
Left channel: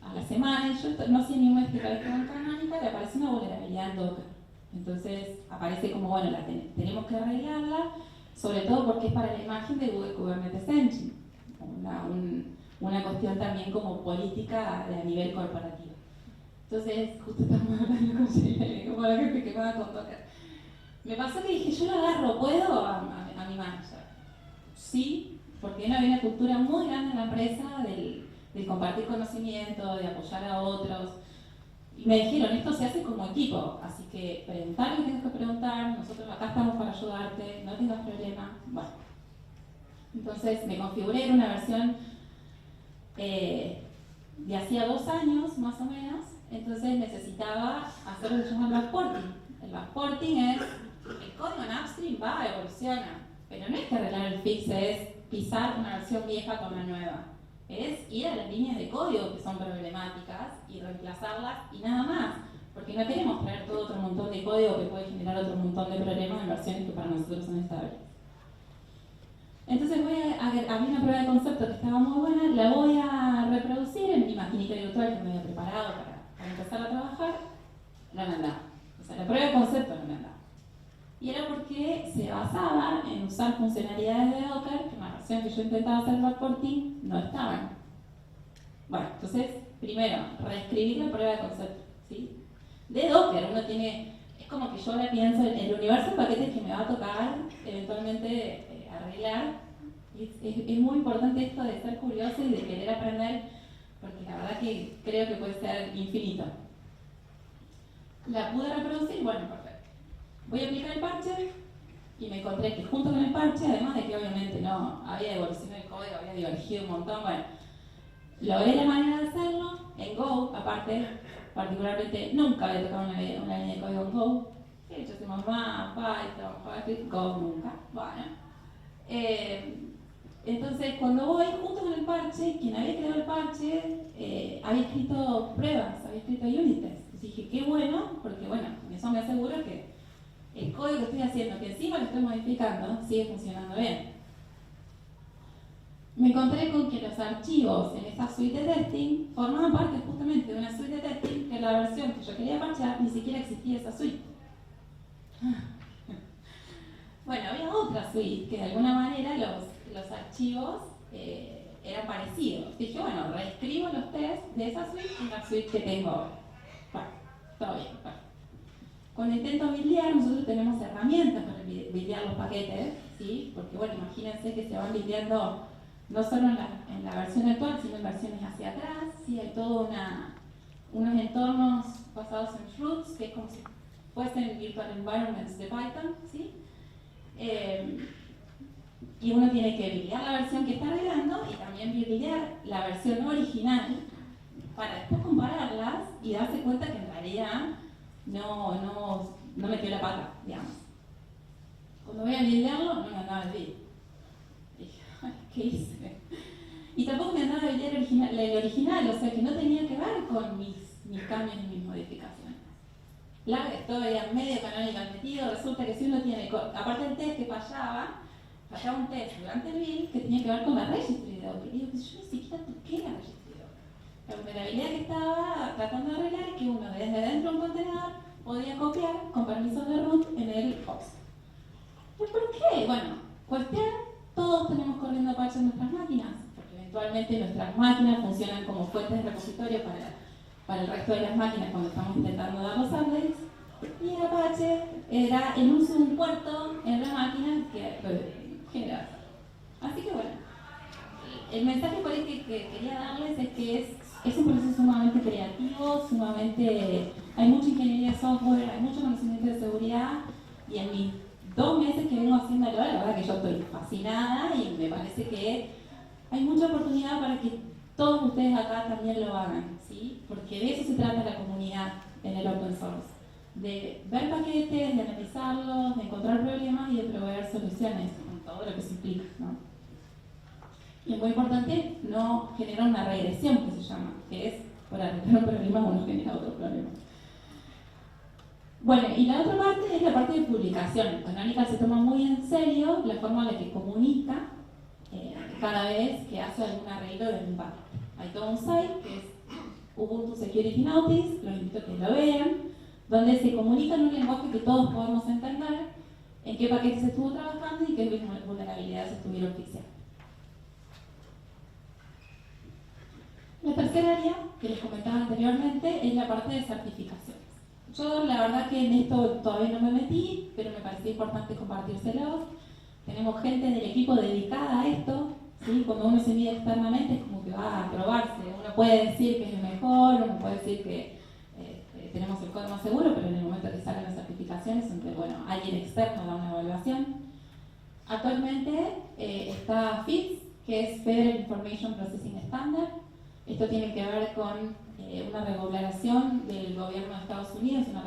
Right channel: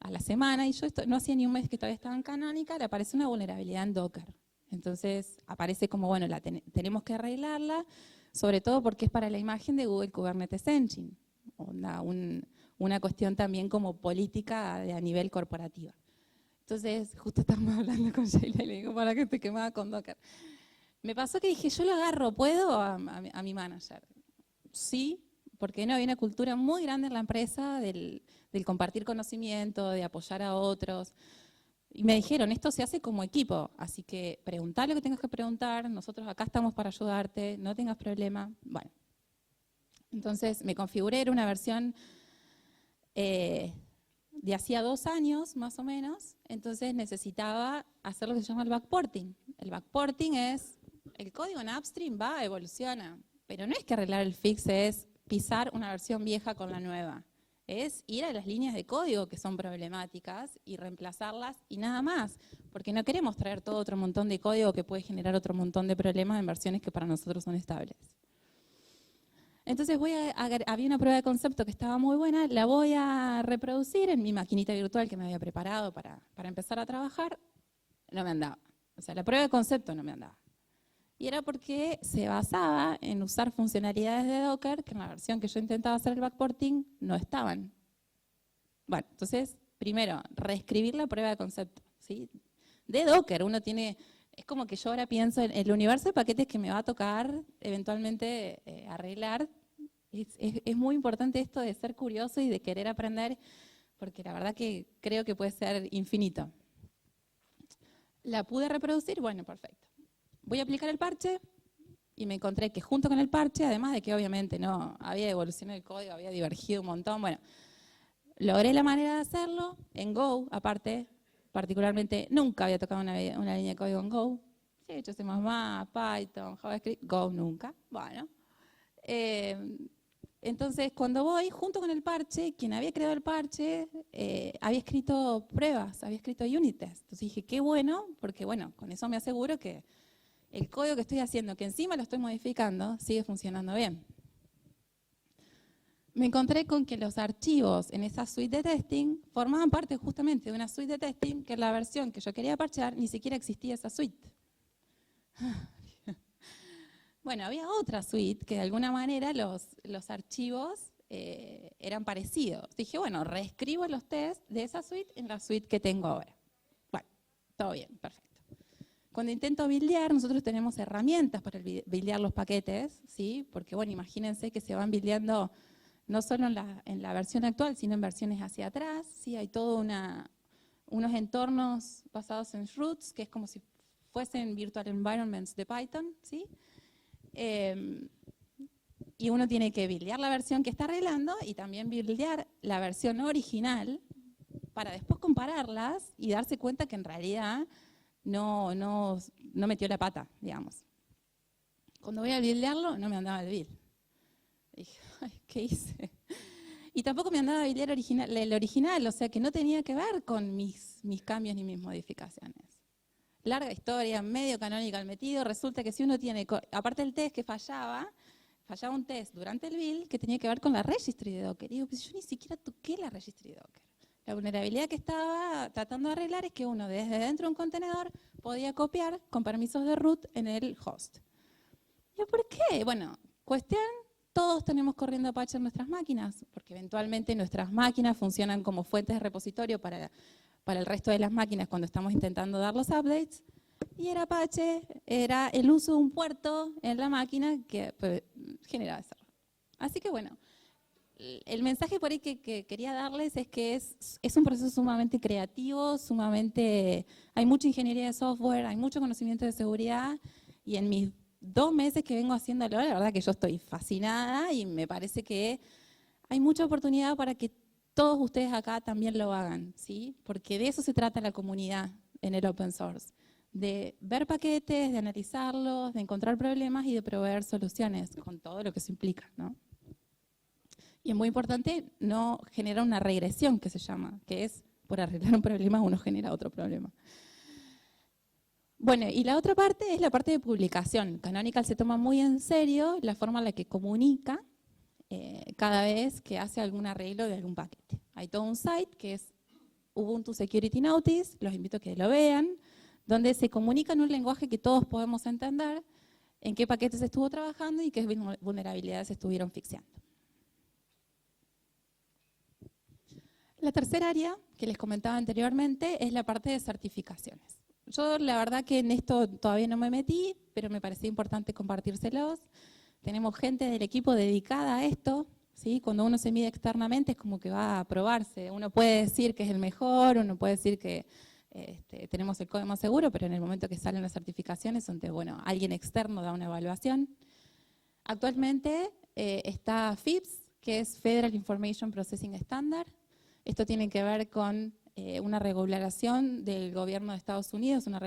a la semana y yo no hacía ni un mes que todavía estaba en Canonical, apareció una vulnerabilidad en Docker. Entonces aparece como, bueno, tenemos que arreglarla, sobre todo porque es para la imagen de Google Kubernetes Engine, una cuestión también como política a nivel corporativo. Entonces, justo estamos hablando con Sheila y le digo, para que te quemaba con Docker. Me pasó que dije, yo lo agarro, ¿puedo? A mi manager. Sí, porque no, hay una cultura muy grande en la empresa del compartir conocimiento, de apoyar a otros. Y me dijeron, esto se hace como equipo, así que preguntá lo que tengas que preguntar, nosotros acá estamos para ayudarte, no tengas problema. Bueno, entonces me configuré, era una versión de hacía 2 años, más o menos, entonces necesitaba hacer lo que se llama el backporting. El backporting es, el código en upstream va, evoluciona, pero no es que arreglar el fix, es pisar una versión vieja con la nueva. Es ir a las líneas de código que son problemáticas y reemplazarlas y nada más, porque no queremos traer todo otro montón de código que puede generar otro montón de problemas en versiones que para nosotros son estables. Entonces había una prueba de concepto que estaba muy buena, la voy a reproducir en mi maquinita virtual que me había preparado para empezar a trabajar, no me andaba. O sea, la prueba de concepto no me andaba. Y era porque se basaba en usar funcionalidades de Docker que en la versión que yo intentaba hacer el backporting no estaban. Bueno, entonces, primero, reescribir la prueba de concepto, ¿sí? De Docker, uno tiene, es como que yo ahora pienso en el universo de paquetes que me va a tocar eventualmente arreglar. Es muy importante esto de ser curioso y de querer aprender, porque la verdad que creo que puede ser infinito. La pude reproducir, bueno, perfecto. Voy a aplicar el parche y me encontré que junto con el parche, además de que obviamente no había evolucionado el código, había divergido un montón, bueno, logré la manera de hacerlo en Go, aparte, particularmente nunca había tocado una línea de código en Go. Sí, he hecho C++, Python, JavaScript, Go nunca. Bueno. Entonces, cuando voy, junto con el parche, quien había creado el parche había escrito pruebas, había escrito unit tests. Entonces dije, qué bueno, porque bueno, con eso me aseguro que el código que estoy haciendo, que encima lo estoy modificando, sigue funcionando bien. Me encontré con que los archivos en esa suite de testing formaban parte justamente de una suite de testing que en la versión que yo quería parchar ni siquiera existía esa suite. Bueno, había otra suite que de alguna manera los archivos eran parecidos. Dije, bueno, reescribo los tests de esa suite en la suite que tengo ahora. Bueno, todo bien, perfecto. Cuando intento buildear, nosotros tenemos herramientas para buildear los paquetes, ¿sí? Porque bueno, imagínense que se van buildeando no solo en la versión actual, sino en versiones hacia atrás, ¿sí? Hay todos unos entornos basados en fruits, que es como si fuesen virtual environments de Python, ¿sí? Y uno tiene que buildear la versión que está arreglando y también buildear la versión original para después compararlas y darse cuenta que en realidad no metió la pata, digamos. Cuando voy a buildearlo, no me andaba el build. Dije, ay, ¿qué hice? Y tampoco me andaba el buildear el original, o sea que no tenía que ver con mis cambios ni mis modificaciones. Larga historia, medio canonical metido, resulta que si uno tiene, aparte el test que fallaba un test durante el build que tenía que ver con la registry de Docker. Y digo, pues yo ni siquiera toqué la registry de Docker. La vulnerabilidad que estaba tratando de arreglar es que uno desde dentro de un contenedor podía copiar con permisos de root en el host. ¿Y por qué? Bueno, cuestión, todos tenemos corriendo Apache en nuestras máquinas, porque eventualmente nuestras máquinas funcionan como fuentes de repositorio para el resto de las máquinas cuando estamos intentando dar los updates. Y el Apache era el uso de un puerto en la máquina que generaba eso. Así que bueno, el mensaje por ahí que quería darles es que es un proceso sumamente creativo, hay mucha ingeniería de software, hay mucho conocimiento de seguridad, y en mis 2 meses que vengo haciéndolo, la verdad que yo estoy fascinada y me parece que hay mucha oportunidad para que todos ustedes acá también lo hagan, ¿sí? Porque de eso se trata la comunidad en el open source, de ver paquetes, de analizarlos, de encontrar problemas y de proveer soluciones con todo lo que eso implica, ¿no? Y es muy importante no generar una regresión, que se llama, que es por arreglar un problema uno genera otro problema. Bueno, y la otra parte es la parte de publicación. Canonical se toma muy en serio la forma en la que comunica cada vez que hace algún arreglo de algún paquete. Hay todo un site que es Ubuntu Security Notice, los invito a que lo vean, donde se comunica en un lenguaje que todos podemos entender en qué paquetes se estuvo trabajando y qué vulnerabilidades se estuvieron fixeando. La tercera área que les comentaba anteriormente es la parte de certificaciones. Yo la verdad que en esto todavía no me metí, pero me parecía importante compartírselos. Tenemos gente del equipo dedicada a esto, ¿sí? Cuando uno se mide externamente es como que va a probarse. Uno puede decir que es el mejor, uno puede decir que tenemos el código más seguro, pero en el momento que salen las certificaciones, donde alguien externo da una evaluación. Actualmente está FIPS, que es Federal Information Processing Standard. Esto tiene que ver con una regulación del gobierno de Estados Unidos, una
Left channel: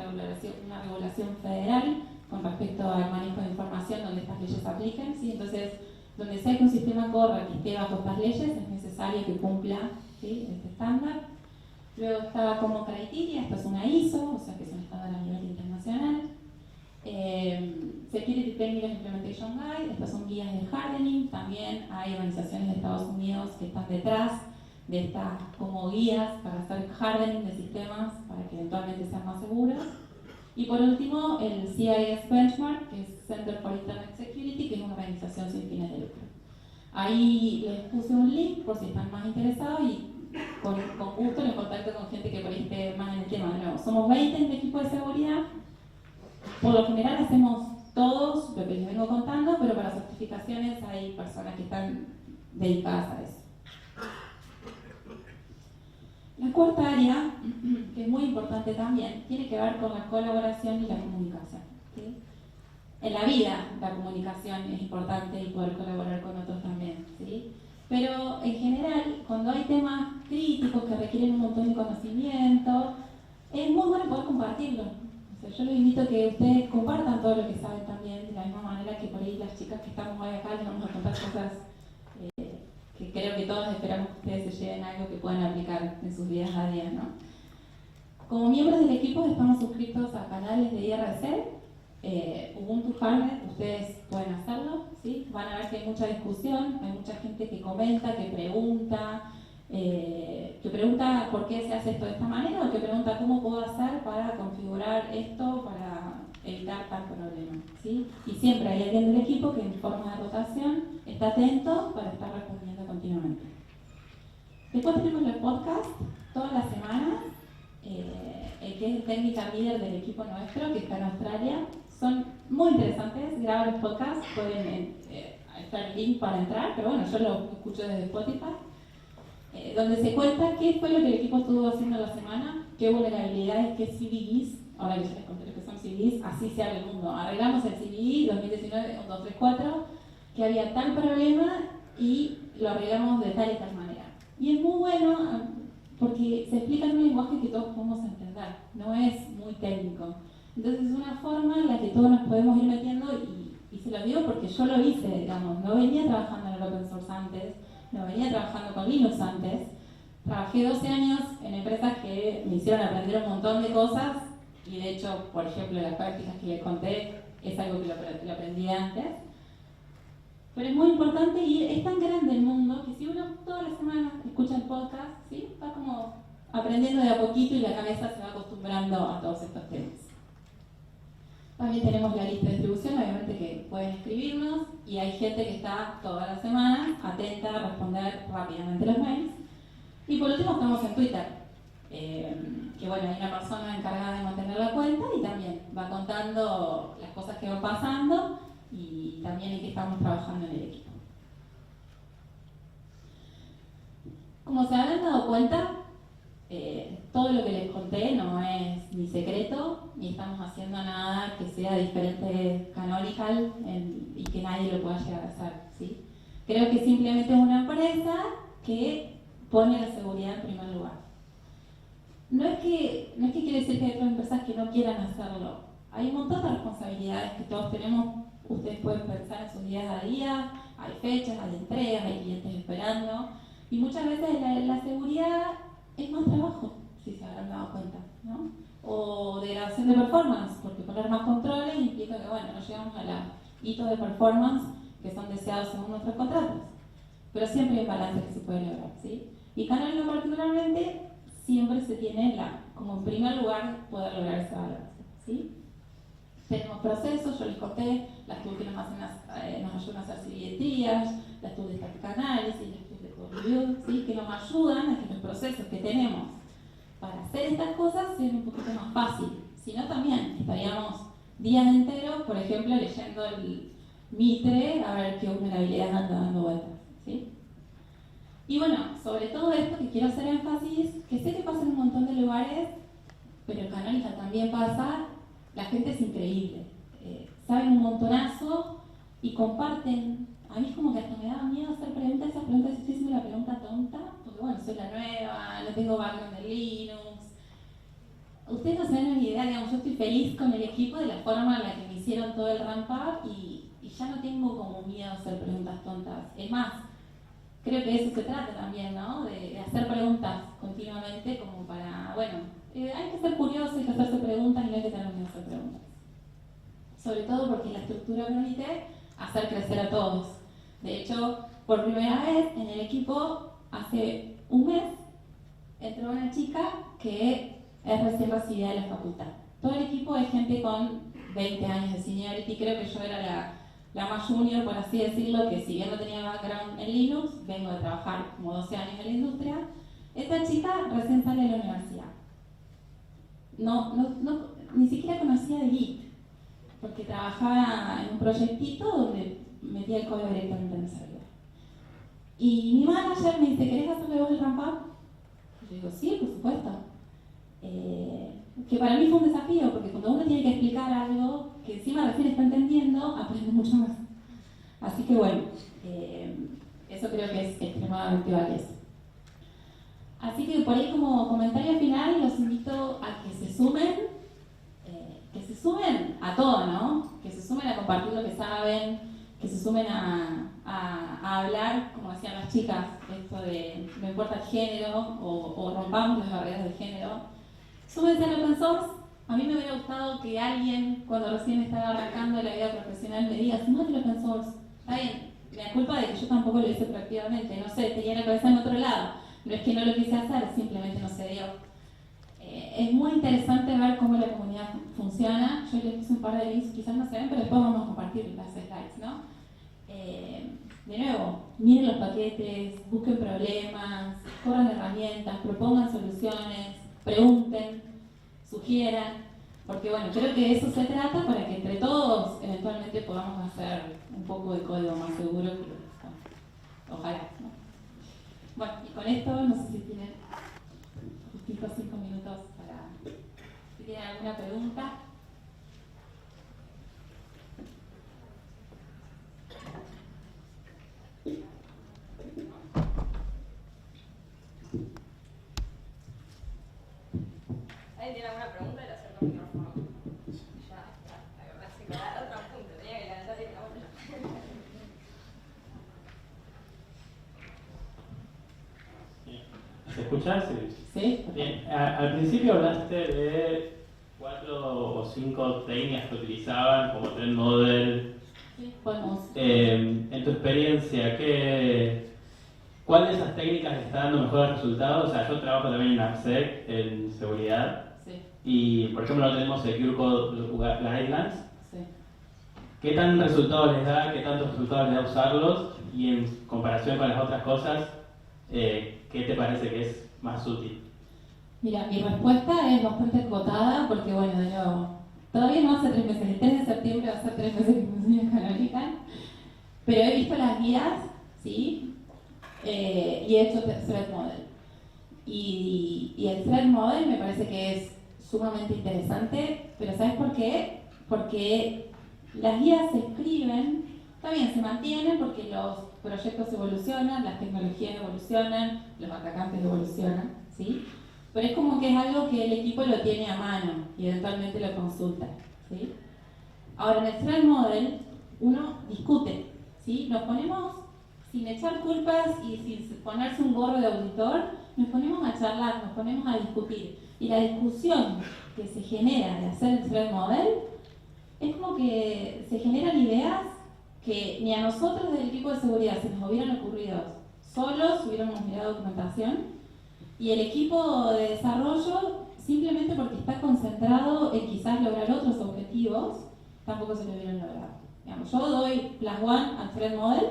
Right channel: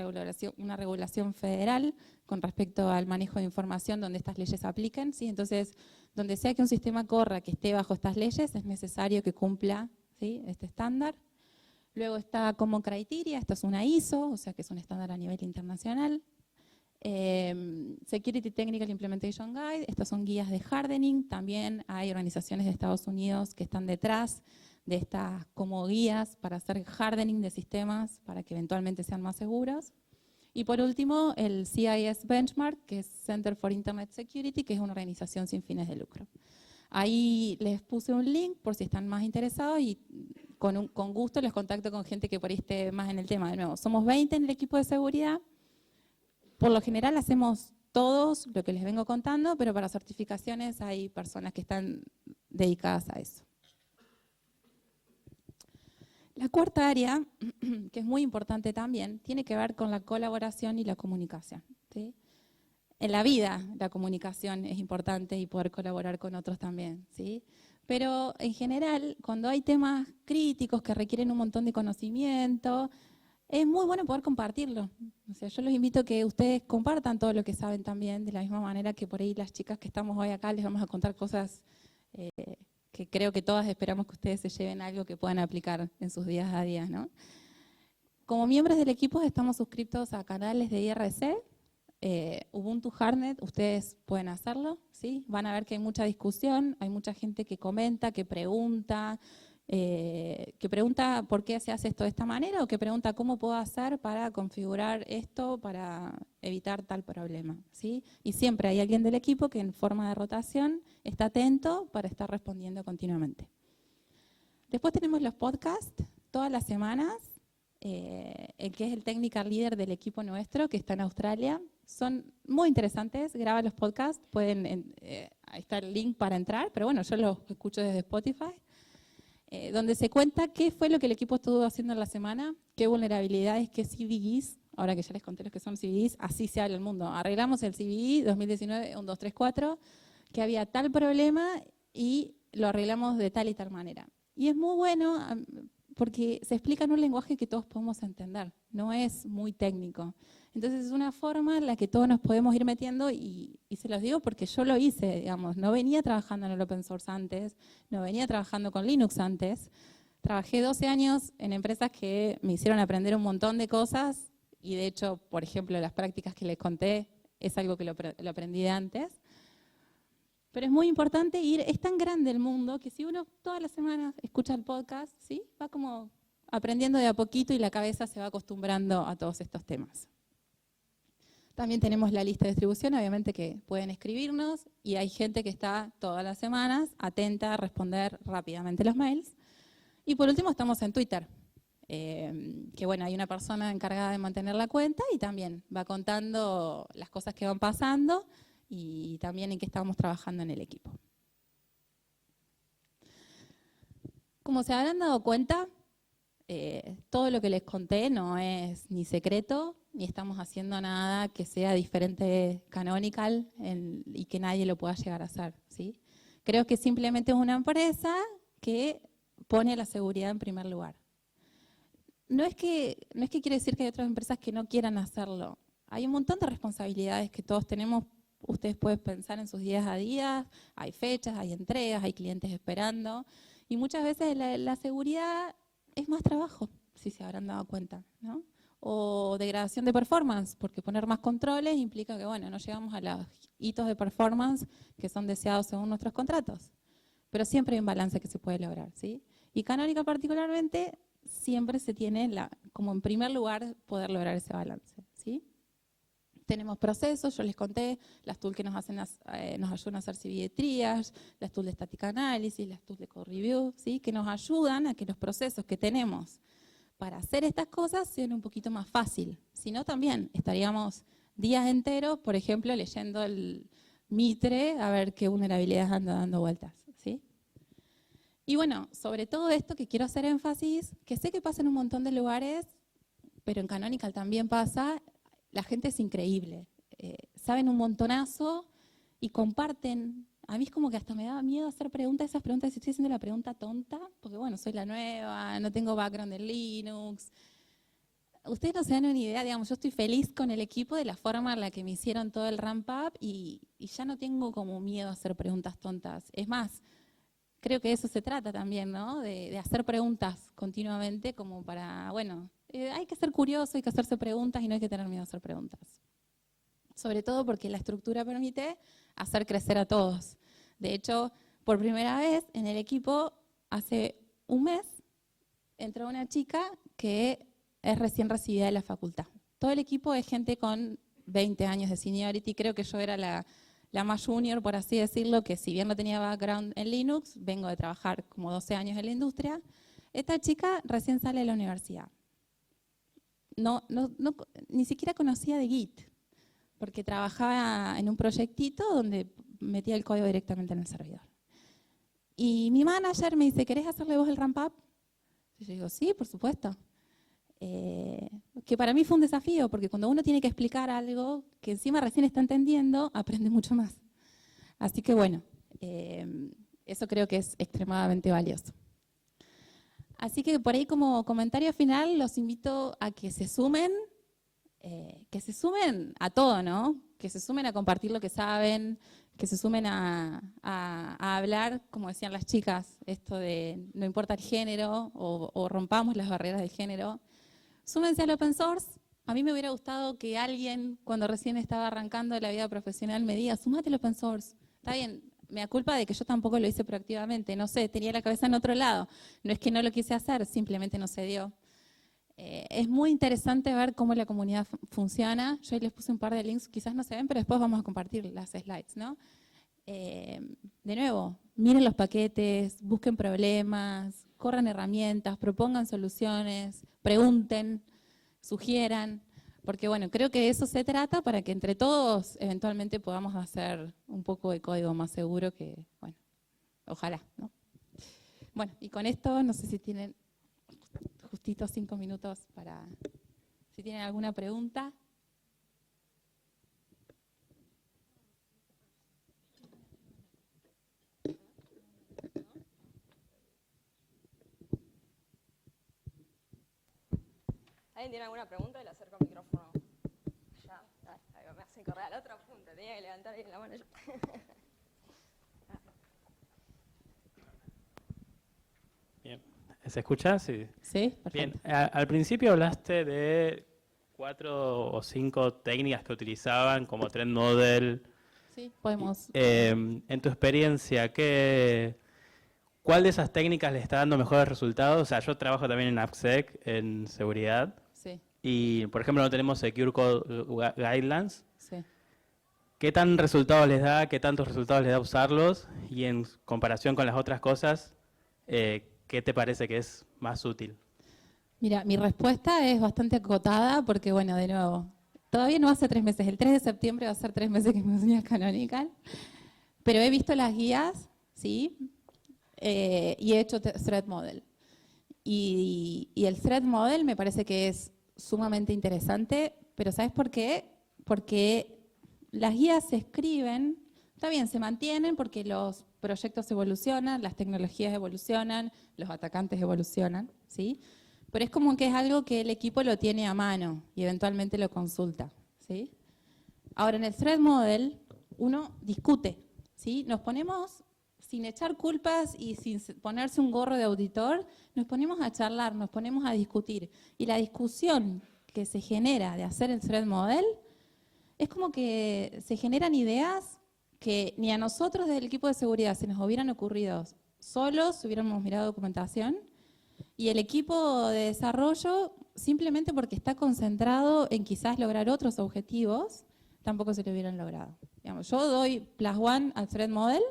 regulación federal con respecto al manejo de información donde estas leyes apliquen, ¿sí? Entonces, donde sea que un sistema corra que esté bajo estas leyes, es necesario que cumpla, ¿sí?, este estándar. Luego está como criteria, esto es una ISO, o sea que es un estándar a nivel internacional. Security Technical Implementation Guide, estas son guías de hardening, también hay organizaciones de Estados Unidos que están detrás de estas como guías para hacer hardening de sistemas para que eventualmente sean más seguros. Y por último, el CIS Benchmark, que es Center for Internet Security, que es una organización sin fines de lucro. Ahí les puse un link por si están más interesados y con gusto les contacto con gente que por ahí esté más en el tema. De nuevo, somos 20 en el equipo de seguridad. Por lo general hacemos todos lo que les vengo contando, pero para certificaciones hay personas que están dedicadas a eso. La cuarta área, que es muy importante también, tiene que ver con la colaboración y la comunicación, ¿sí? En la vida la comunicación es importante y poder colaborar con otros también, ¿sí? Pero en general, cuando hay temas críticos que requieren un montón de conocimiento, es muy bueno poder compartirlo. O sea, yo los invito a que ustedes compartan todo lo que saben también, de la misma manera que por ahí las chicas que estamos hoy acá les vamos a contar cosas que creo que todas esperamos que ustedes se lleven algo que puedan aplicar en sus días a día, ¿no? Como miembros del equipo estamos suscritos a canales de IRC, Ubuntu Hardnet, ustedes pueden hacerlo, ¿sí? Van a ver que hay mucha discusión, hay mucha gente que comenta, que pregunta por qué se hace esto de esta manera o que pregunta cómo puedo hacer para configurar esto para evitar tal problema, ¿sí? Y siempre hay alguien del equipo que en forma de rotación está atento para estar respondiendo continuamente. Después tenemos los podcasts todas las semanas, el que es el technical leader del equipo nuestro, que está en Australia. Son muy interesantes, graba los podcasts, ahí está el link para entrar, pero bueno, yo lo escucho desde Spotify, donde se cuenta qué fue lo que el equipo estuvo haciendo en la semana, qué vulnerabilidades, qué CVEs, ahora que ya les conté los que son CVEs, así se habla el mundo. Arreglamos el CVE 2019, 1, 2, 3, 4, que había tal problema y lo arreglamos de tal y tal manera. Y es muy bueno porque se explica en un lenguaje que todos podemos entender, no es muy técnico. Entonces es una forma en la que todos nos podemos ir metiendo y se los digo porque yo lo hice, digamos, no venía trabajando en el open source antes, no venía trabajando con Linux antes, trabajé 12 años en empresas que me hicieron aprender un montón de cosas y de hecho, por ejemplo, las prácticas que les conté es algo que lo aprendí de antes. Pero es muy importante es tan grande el mundo que si uno todas las semanas escucha el podcast, ¿sí?, va como aprendiendo de a poquito y la cabeza se va acostumbrando a todos estos temas. También tenemos la lista de distribución, obviamente que pueden escribirnos y hay gente que está todas las semanas atenta a responder rápidamente los mails. Y por último estamos en Twitter, que bueno, hay una persona encargada de mantener la cuenta y también va contando las cosas que van pasando y también en qué estamos trabajando en el equipo. Como se habrán dado cuenta, todo lo que les conté no es ni secreto, ni estamos haciendo nada que sea diferente Canonical y que nadie lo pueda llegar a hacer, ¿sí? Creo que simplemente es una empresa que pone la seguridad en primer lugar. No es que quiere decir que hay otras empresas que no quieran hacerlo. Hay un montón de responsabilidades que todos tenemos. Ustedes pueden pensar en sus días a día, hay fechas, hay entregas, hay clientes esperando. Y muchas veces la seguridad es más trabajo, si se habrán dado cuenta, ¿no? O degradación de performance, porque poner más controles implica que, bueno, no llegamos a los hitos de performance que son deseados según nuestros contratos. Pero siempre hay un balance que se puede lograr, ¿sí? Y Canonical particularmente siempre se tiene como en primer lugar poder lograr ese balance, ¿sí? Tenemos procesos, yo les conté, las tools que nos ayudan a hacer CV de triage, las tools de static analysis, las tools de code review, ¿sí? Que nos ayudan a que los procesos que tenemos para hacer estas cosas sean un poquito más fácil. Si no, también estaríamos días enteros, por ejemplo, leyendo el Mitre a ver qué vulnerabilidades anda dando vueltas, ¿sí? Y bueno, sobre todo esto que quiero hacer énfasis, que sé que pasa en un montón de lugares, pero en Canonical también pasa. La gente es increíble, saben un montonazo y comparten. A mí es como que hasta me daba miedo hacer preguntas, esas preguntas, si estoy haciendo la pregunta tonta, porque bueno, soy la nueva, no tengo background en Linux. Ustedes no se dan una idea, digamos, yo estoy feliz con el equipo de la forma en la que me hicieron todo el ramp up y ya no tengo como miedo a hacer preguntas tontas. Es más, creo que de eso se trata también, ¿no? De hacer preguntas continuamente como para, bueno, hay que ser curioso, hay que hacerse preguntas y no hay que tener miedo a hacer preguntas. Sobre todo porque la estructura permite hacer crecer a todos. De hecho, por primera vez en el equipo, hace un mes, entró una chica que es recién recibida de la facultad. Todo el equipo es gente con 20 años de seniority, creo que yo era la más junior, por así decirlo, que si bien no tenía background en Linux, vengo de trabajar como 12 años en la industria. Esta chica recién sale de la universidad. Ni siquiera conocía de Git, porque trabajaba en un proyectito donde metía el código directamente en el servidor. Y mi manager me dice, ¿querés hacerle vos el ramp up? Y yo digo, sí, por supuesto. Que para mí fue un desafío, porque cuando uno tiene que explicar algo que encima recién está entendiendo, aprende mucho más. Así que bueno, eso creo que es extremadamente valioso. Así que por ahí como comentario final los invito a que se sumen a todo, ¿no? Que se sumen a compartir lo que saben, que se sumen a hablar, como decían las chicas, esto de no importa el género o rompamos las barreras del género. Súmense al open source. A mí me hubiera gustado que alguien, cuando recién estaba arrancando la vida profesional, me diga, sumate al open source. Está bien, me da culpa de que yo tampoco lo hice proactivamente, no sé, tenía la cabeza en otro lado. No es que no lo quise hacer, simplemente no se dio. Es muy interesante ver cómo la comunidad funciona. Yo les puse un par de links, quizás no se ven, pero después vamos a compartir las slides, ¿no? De nuevo, miren los paquetes, busquen problemas, corran herramientas, propongan soluciones, pregunten, sugieran, porque bueno, creo que de eso se trata para que entre todos eventualmente podamos hacer un poco de código más seguro que, bueno, ojalá, ¿no? Bueno, y con esto, no sé si tienen justito 5 minutos para, si tienen alguna pregunta. ¿Alguien tiene alguna pregunta? Le acerco el micrófono. Ya, me hace colar otro punto, tenía que levantar la botella. Bien. ¿Se escucha? Sí. ¿Sí? Bien, al principio hablaste de 4 o 5 técnicas que utilizaban, como Trend Model. Sí, podemos. En tu experiencia, ¿cuál de esas técnicas le está dando mejores resultados? O sea, yo trabajo también en AppSec, en seguridad, Sí, y por ejemplo no tenemos Secure Code Guidelines. sí. ¿Qué tan resultados les da, qué tantos resultados les da usarlos? Y en comparación con las otras cosas, ¿qué te parece que es más útil? Mira, mi respuesta es bastante acotada porque, bueno, de nuevo, todavía no hace 3 meses, el 3 de septiembre va a ser 3 meses que me uní a Canonical, pero he visto las guías, ¿sí? y he hecho Threat Model. Y el Threat Model me parece que es sumamente interesante, pero ¿sabes por qué? Porque las guías se escriben, está bien, se mantienen porque los proyectos evolucionan, las tecnologías evolucionan, los atacantes evolucionan, ¿sí? Pero es como que es algo que el equipo lo tiene a mano y eventualmente lo consulta, ¿sí? Ahora, en el Threat Model, uno discute, ¿sí? Nos ponemos, sin echar culpas y sin ponerse un gorro de auditor, nos ponemos a charlar, nos ponemos a discutir. Y la discusión que se genera de hacer el Threat Model es como que se generan ideas que ni a nosotros desde el equipo de seguridad se nos hubieran ocurrido solos, hubiéramos mirado documentación, y el equipo de desarrollo, simplemente porque está concentrado en quizás lograr otros objetivos, tampoco se lo hubieran logrado. Digamos, yo doy +1 al Threat Model,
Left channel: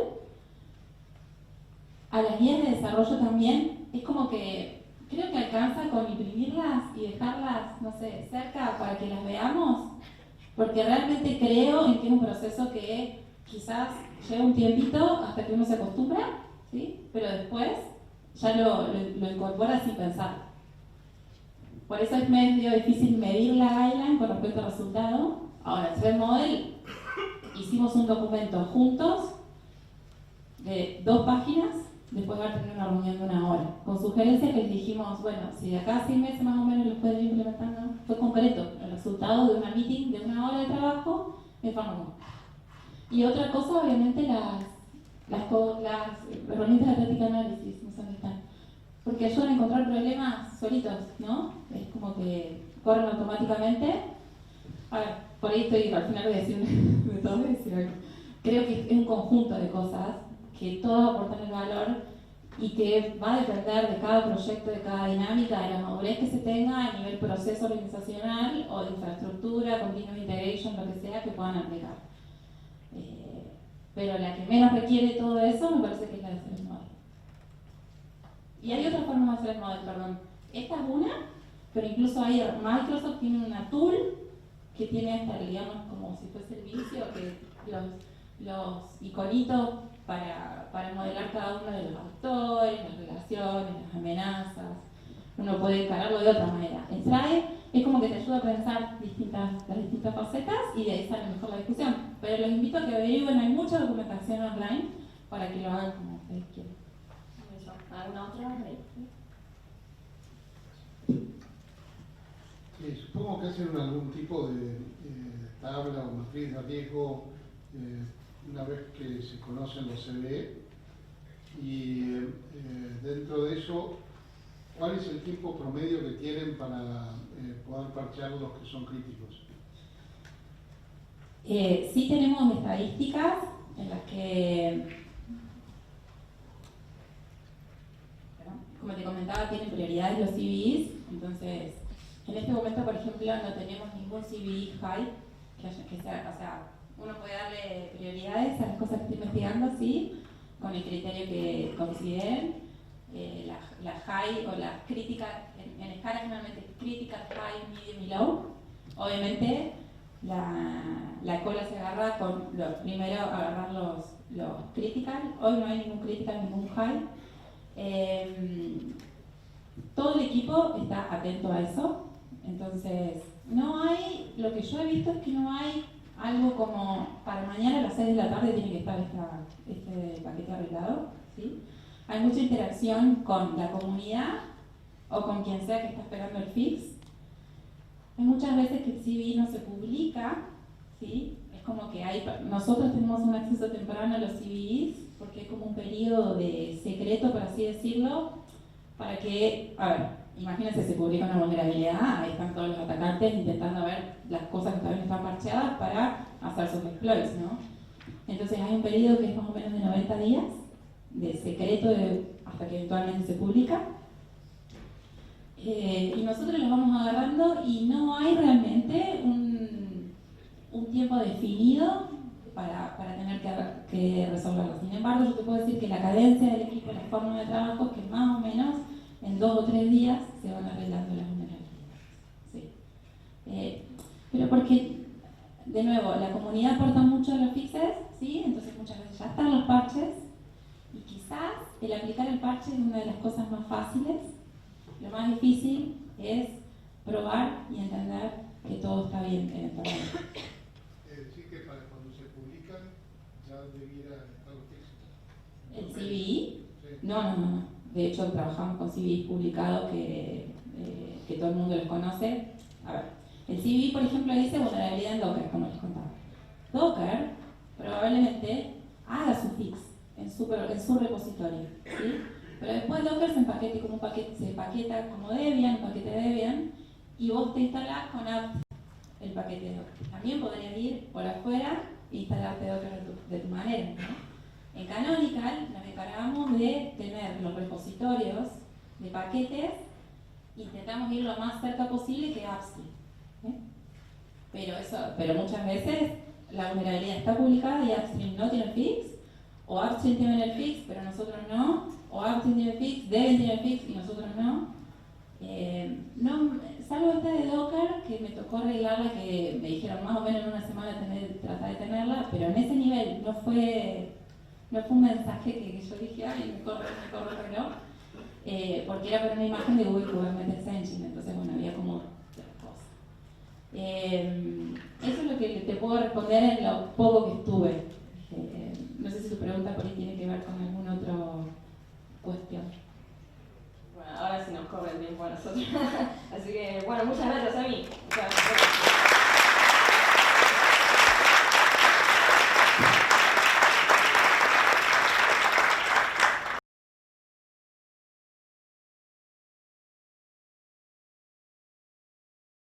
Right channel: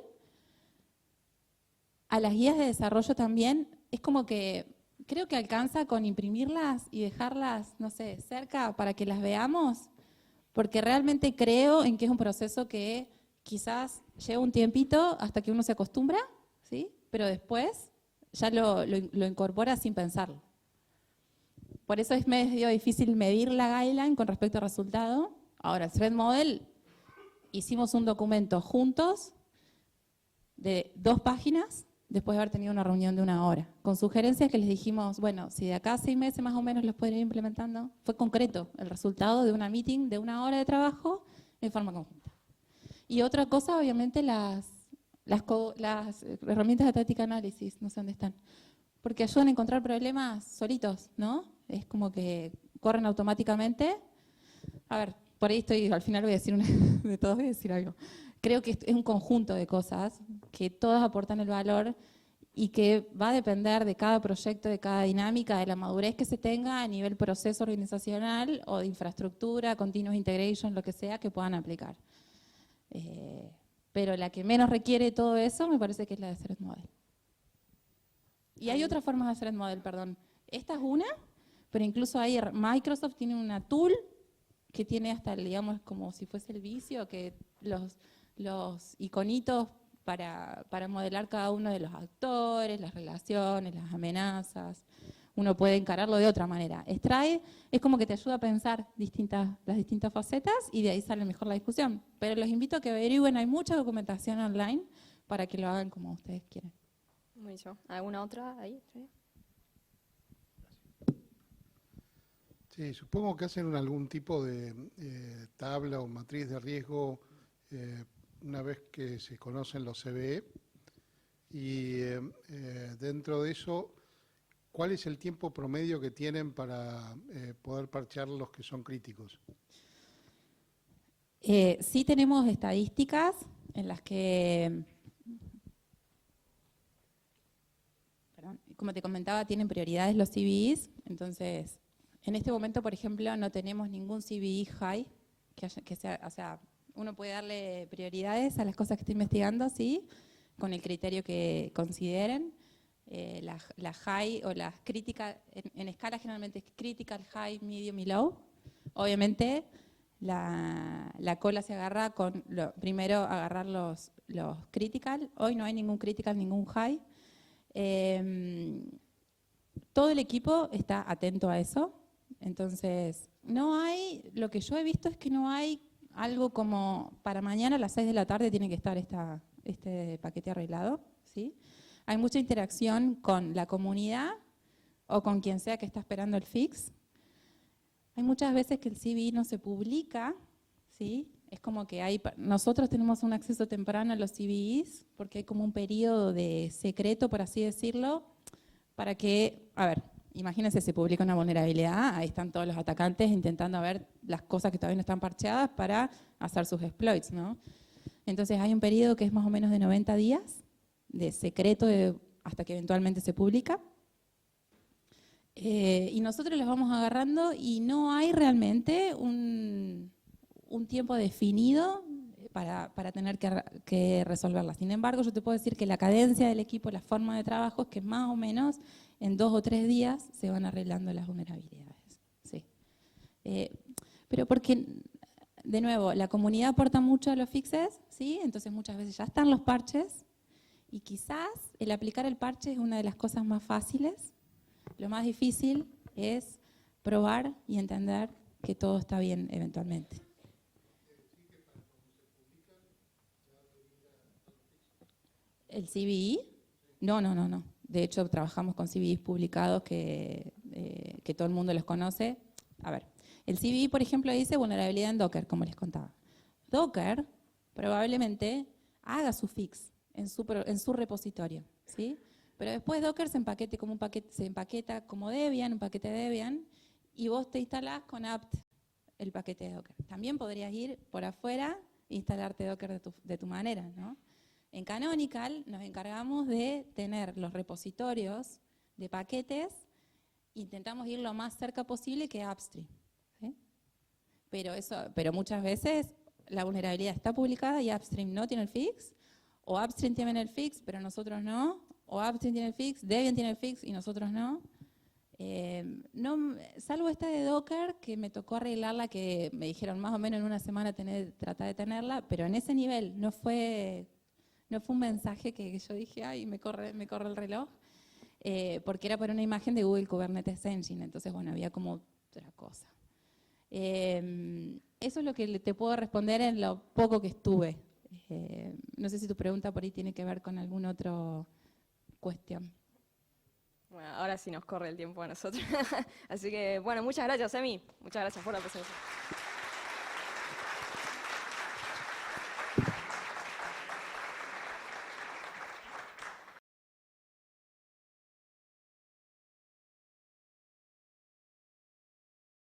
a las guías de desarrollo también, es como que creo que alcanza con imprimirlas y dejarlas, no sé, cerca para que las veamos, porque realmente creo en que es un proceso que quizás lleva un tiempito hasta que uno se acostumbra, ¿sí? Pero después ya lo incorpora sin pensar. Por eso es medio difícil medir la guideline con respecto al resultado. Ahora, el Threat Model, hicimos un documento juntos de 2 páginas después de haber tenido una reunión de 1 hora, con sugerencias que les dijimos, bueno, si de acá a 6 meses más o menos los pueden ir implementando. Fue concreto el resultado de una meeting de 1 hora de trabajo en forma común. Y otra cosa, obviamente, las herramientas de práctica análisis, no sé dónde están, porque ayudan a encontrar problemas solitos, ¿no? Es como que corren automáticamente. A ver, por ahí estoy, al final voy a decir de todo, voy a decir algo. Creo que es un conjunto de cosas que todas aportan el valor y que va a depender de cada proyecto, de cada dinámica, de la madurez que se tenga a nivel proceso organizacional o de infraestructura, continuous integration, lo que sea que puedan aplicar. Pero la que menos requiere todo eso me parece que es la de Threat Model. Y hay otras formas de hacer el model, perdón. Esta es una, pero incluso hay, Microsoft tiene una tool que tiene hasta, digamos, como si fuese el vicio, que los iconitos para modelar cada uno de los actores, las relaciones, las amenazas. Uno puede encararlo de otra manera. Extrae es como que te ayuda a pensar las distintas facetas y de ahí sale mejor la discusión. Pero los invito a que averigüen, hay mucha documentación online para que lo hagan como ustedes quieran. ¿Alguna otra ahí? Sí, supongo que hacen algún tipo de tabla o matriz de riesgo una vez que se conocen los CVE y dentro de eso, ¿cuál es el tiempo promedio que tienen para poder parchear los que son críticos? Sí tenemos estadísticas en las que, como te comentaba, tienen prioridades los CVEs. Entonces, en este momento, por ejemplo, no tenemos ningún CVE high que sea, o sea, uno puede darle prioridades a las cosas que está investigando, sí, con el criterio que consideren. La high o las críticas, en escala generalmente critical, high, medium y low. Obviamente la cola se agarra con primero agarrar los critical. Hoy no hay ningún critical, ningún high. Todo el equipo está atento a eso. Entonces, no hay, lo que yo he visto es que no hay algo como para mañana a las 6 de la tarde tiene que estar este paquete arreglado, ¿sí? Hay mucha interacción con la comunidad o con quien sea que está esperando el fix. Hay muchas veces que el CV no se publica, ¿sí? Es como que nosotros tenemos un acceso temprano a los CVEs porque hay como un periodo de secreto, por así decirlo, para que, a ver, imagínense, se publica una vulnerabilidad, ahí están todos los atacantes intentando ver las cosas que todavía no están parcheadas para hacer sus exploits, ¿no? Entonces hay un periodo que es más o menos de 90 días de secreto hasta que eventualmente se publica. Y nosotros los vamos agarrando y no hay realmente un tiempo definido para tener que resolverlo. Sin embargo, yo te puedo decir que la cadencia del equipo, la forma de trabajo, es que más o menos en 2 o 3 días se van arreglando las vulnerabilidades. Sí. Pero porque, de nuevo, la comunidad aporta mucho a los fixes, ¿sí? Entonces muchas veces ya están los parches Y quizás el aplicar el parche es una de las cosas más fáciles. Lo más difícil es probar y entender que todo está bien eventualmente. Sí, que para cuando se publican ya debiera estar los fixes. ¿El CVE? Sí. No. De hecho, trabajamos con CVEs publicados que todo el mundo los conoce. A ver, el CVE, por ejemplo, dice vulnerabilidad en Docker, como les contaba. Docker probablemente haga su fix en su repositorio, ¿sí? Pero después Docker se empaqueta como Debian, un paquete Debian, y vos te instalás con apt el paquete de Docker. También podrías ir por afuera e instalarte Docker de tu manera, ¿no? En Canonical nos encargamos de tener los repositorios de paquetes, intentamos ir lo más cerca posible que upstream, ¿sí? Pero muchas veces la vulnerabilidad está publicada y upstream no tiene el fix, o upstream tiene el fix pero nosotros no, o upstream tiene el fix, Debian tiene el fix y nosotros no. Salvo esta de Docker, que me tocó arreglarla, que me dijeron más o menos en una semana tratar de tenerla, pero en ese nivel no fue un mensaje que yo dije, ay, me corre el reloj, porque era para una imagen de Google Kubernetes Engine, entonces bueno, había como otra cosa. Eso es lo que te puedo responder en lo poco que estuve. No sé si tu pregunta por ahí tiene que ver con alguna otra cuestión. Bueno, ahora sí nos corre el tiempo a nosotros. Así que, bueno, muchas gracias, Emi. Muchas gracias.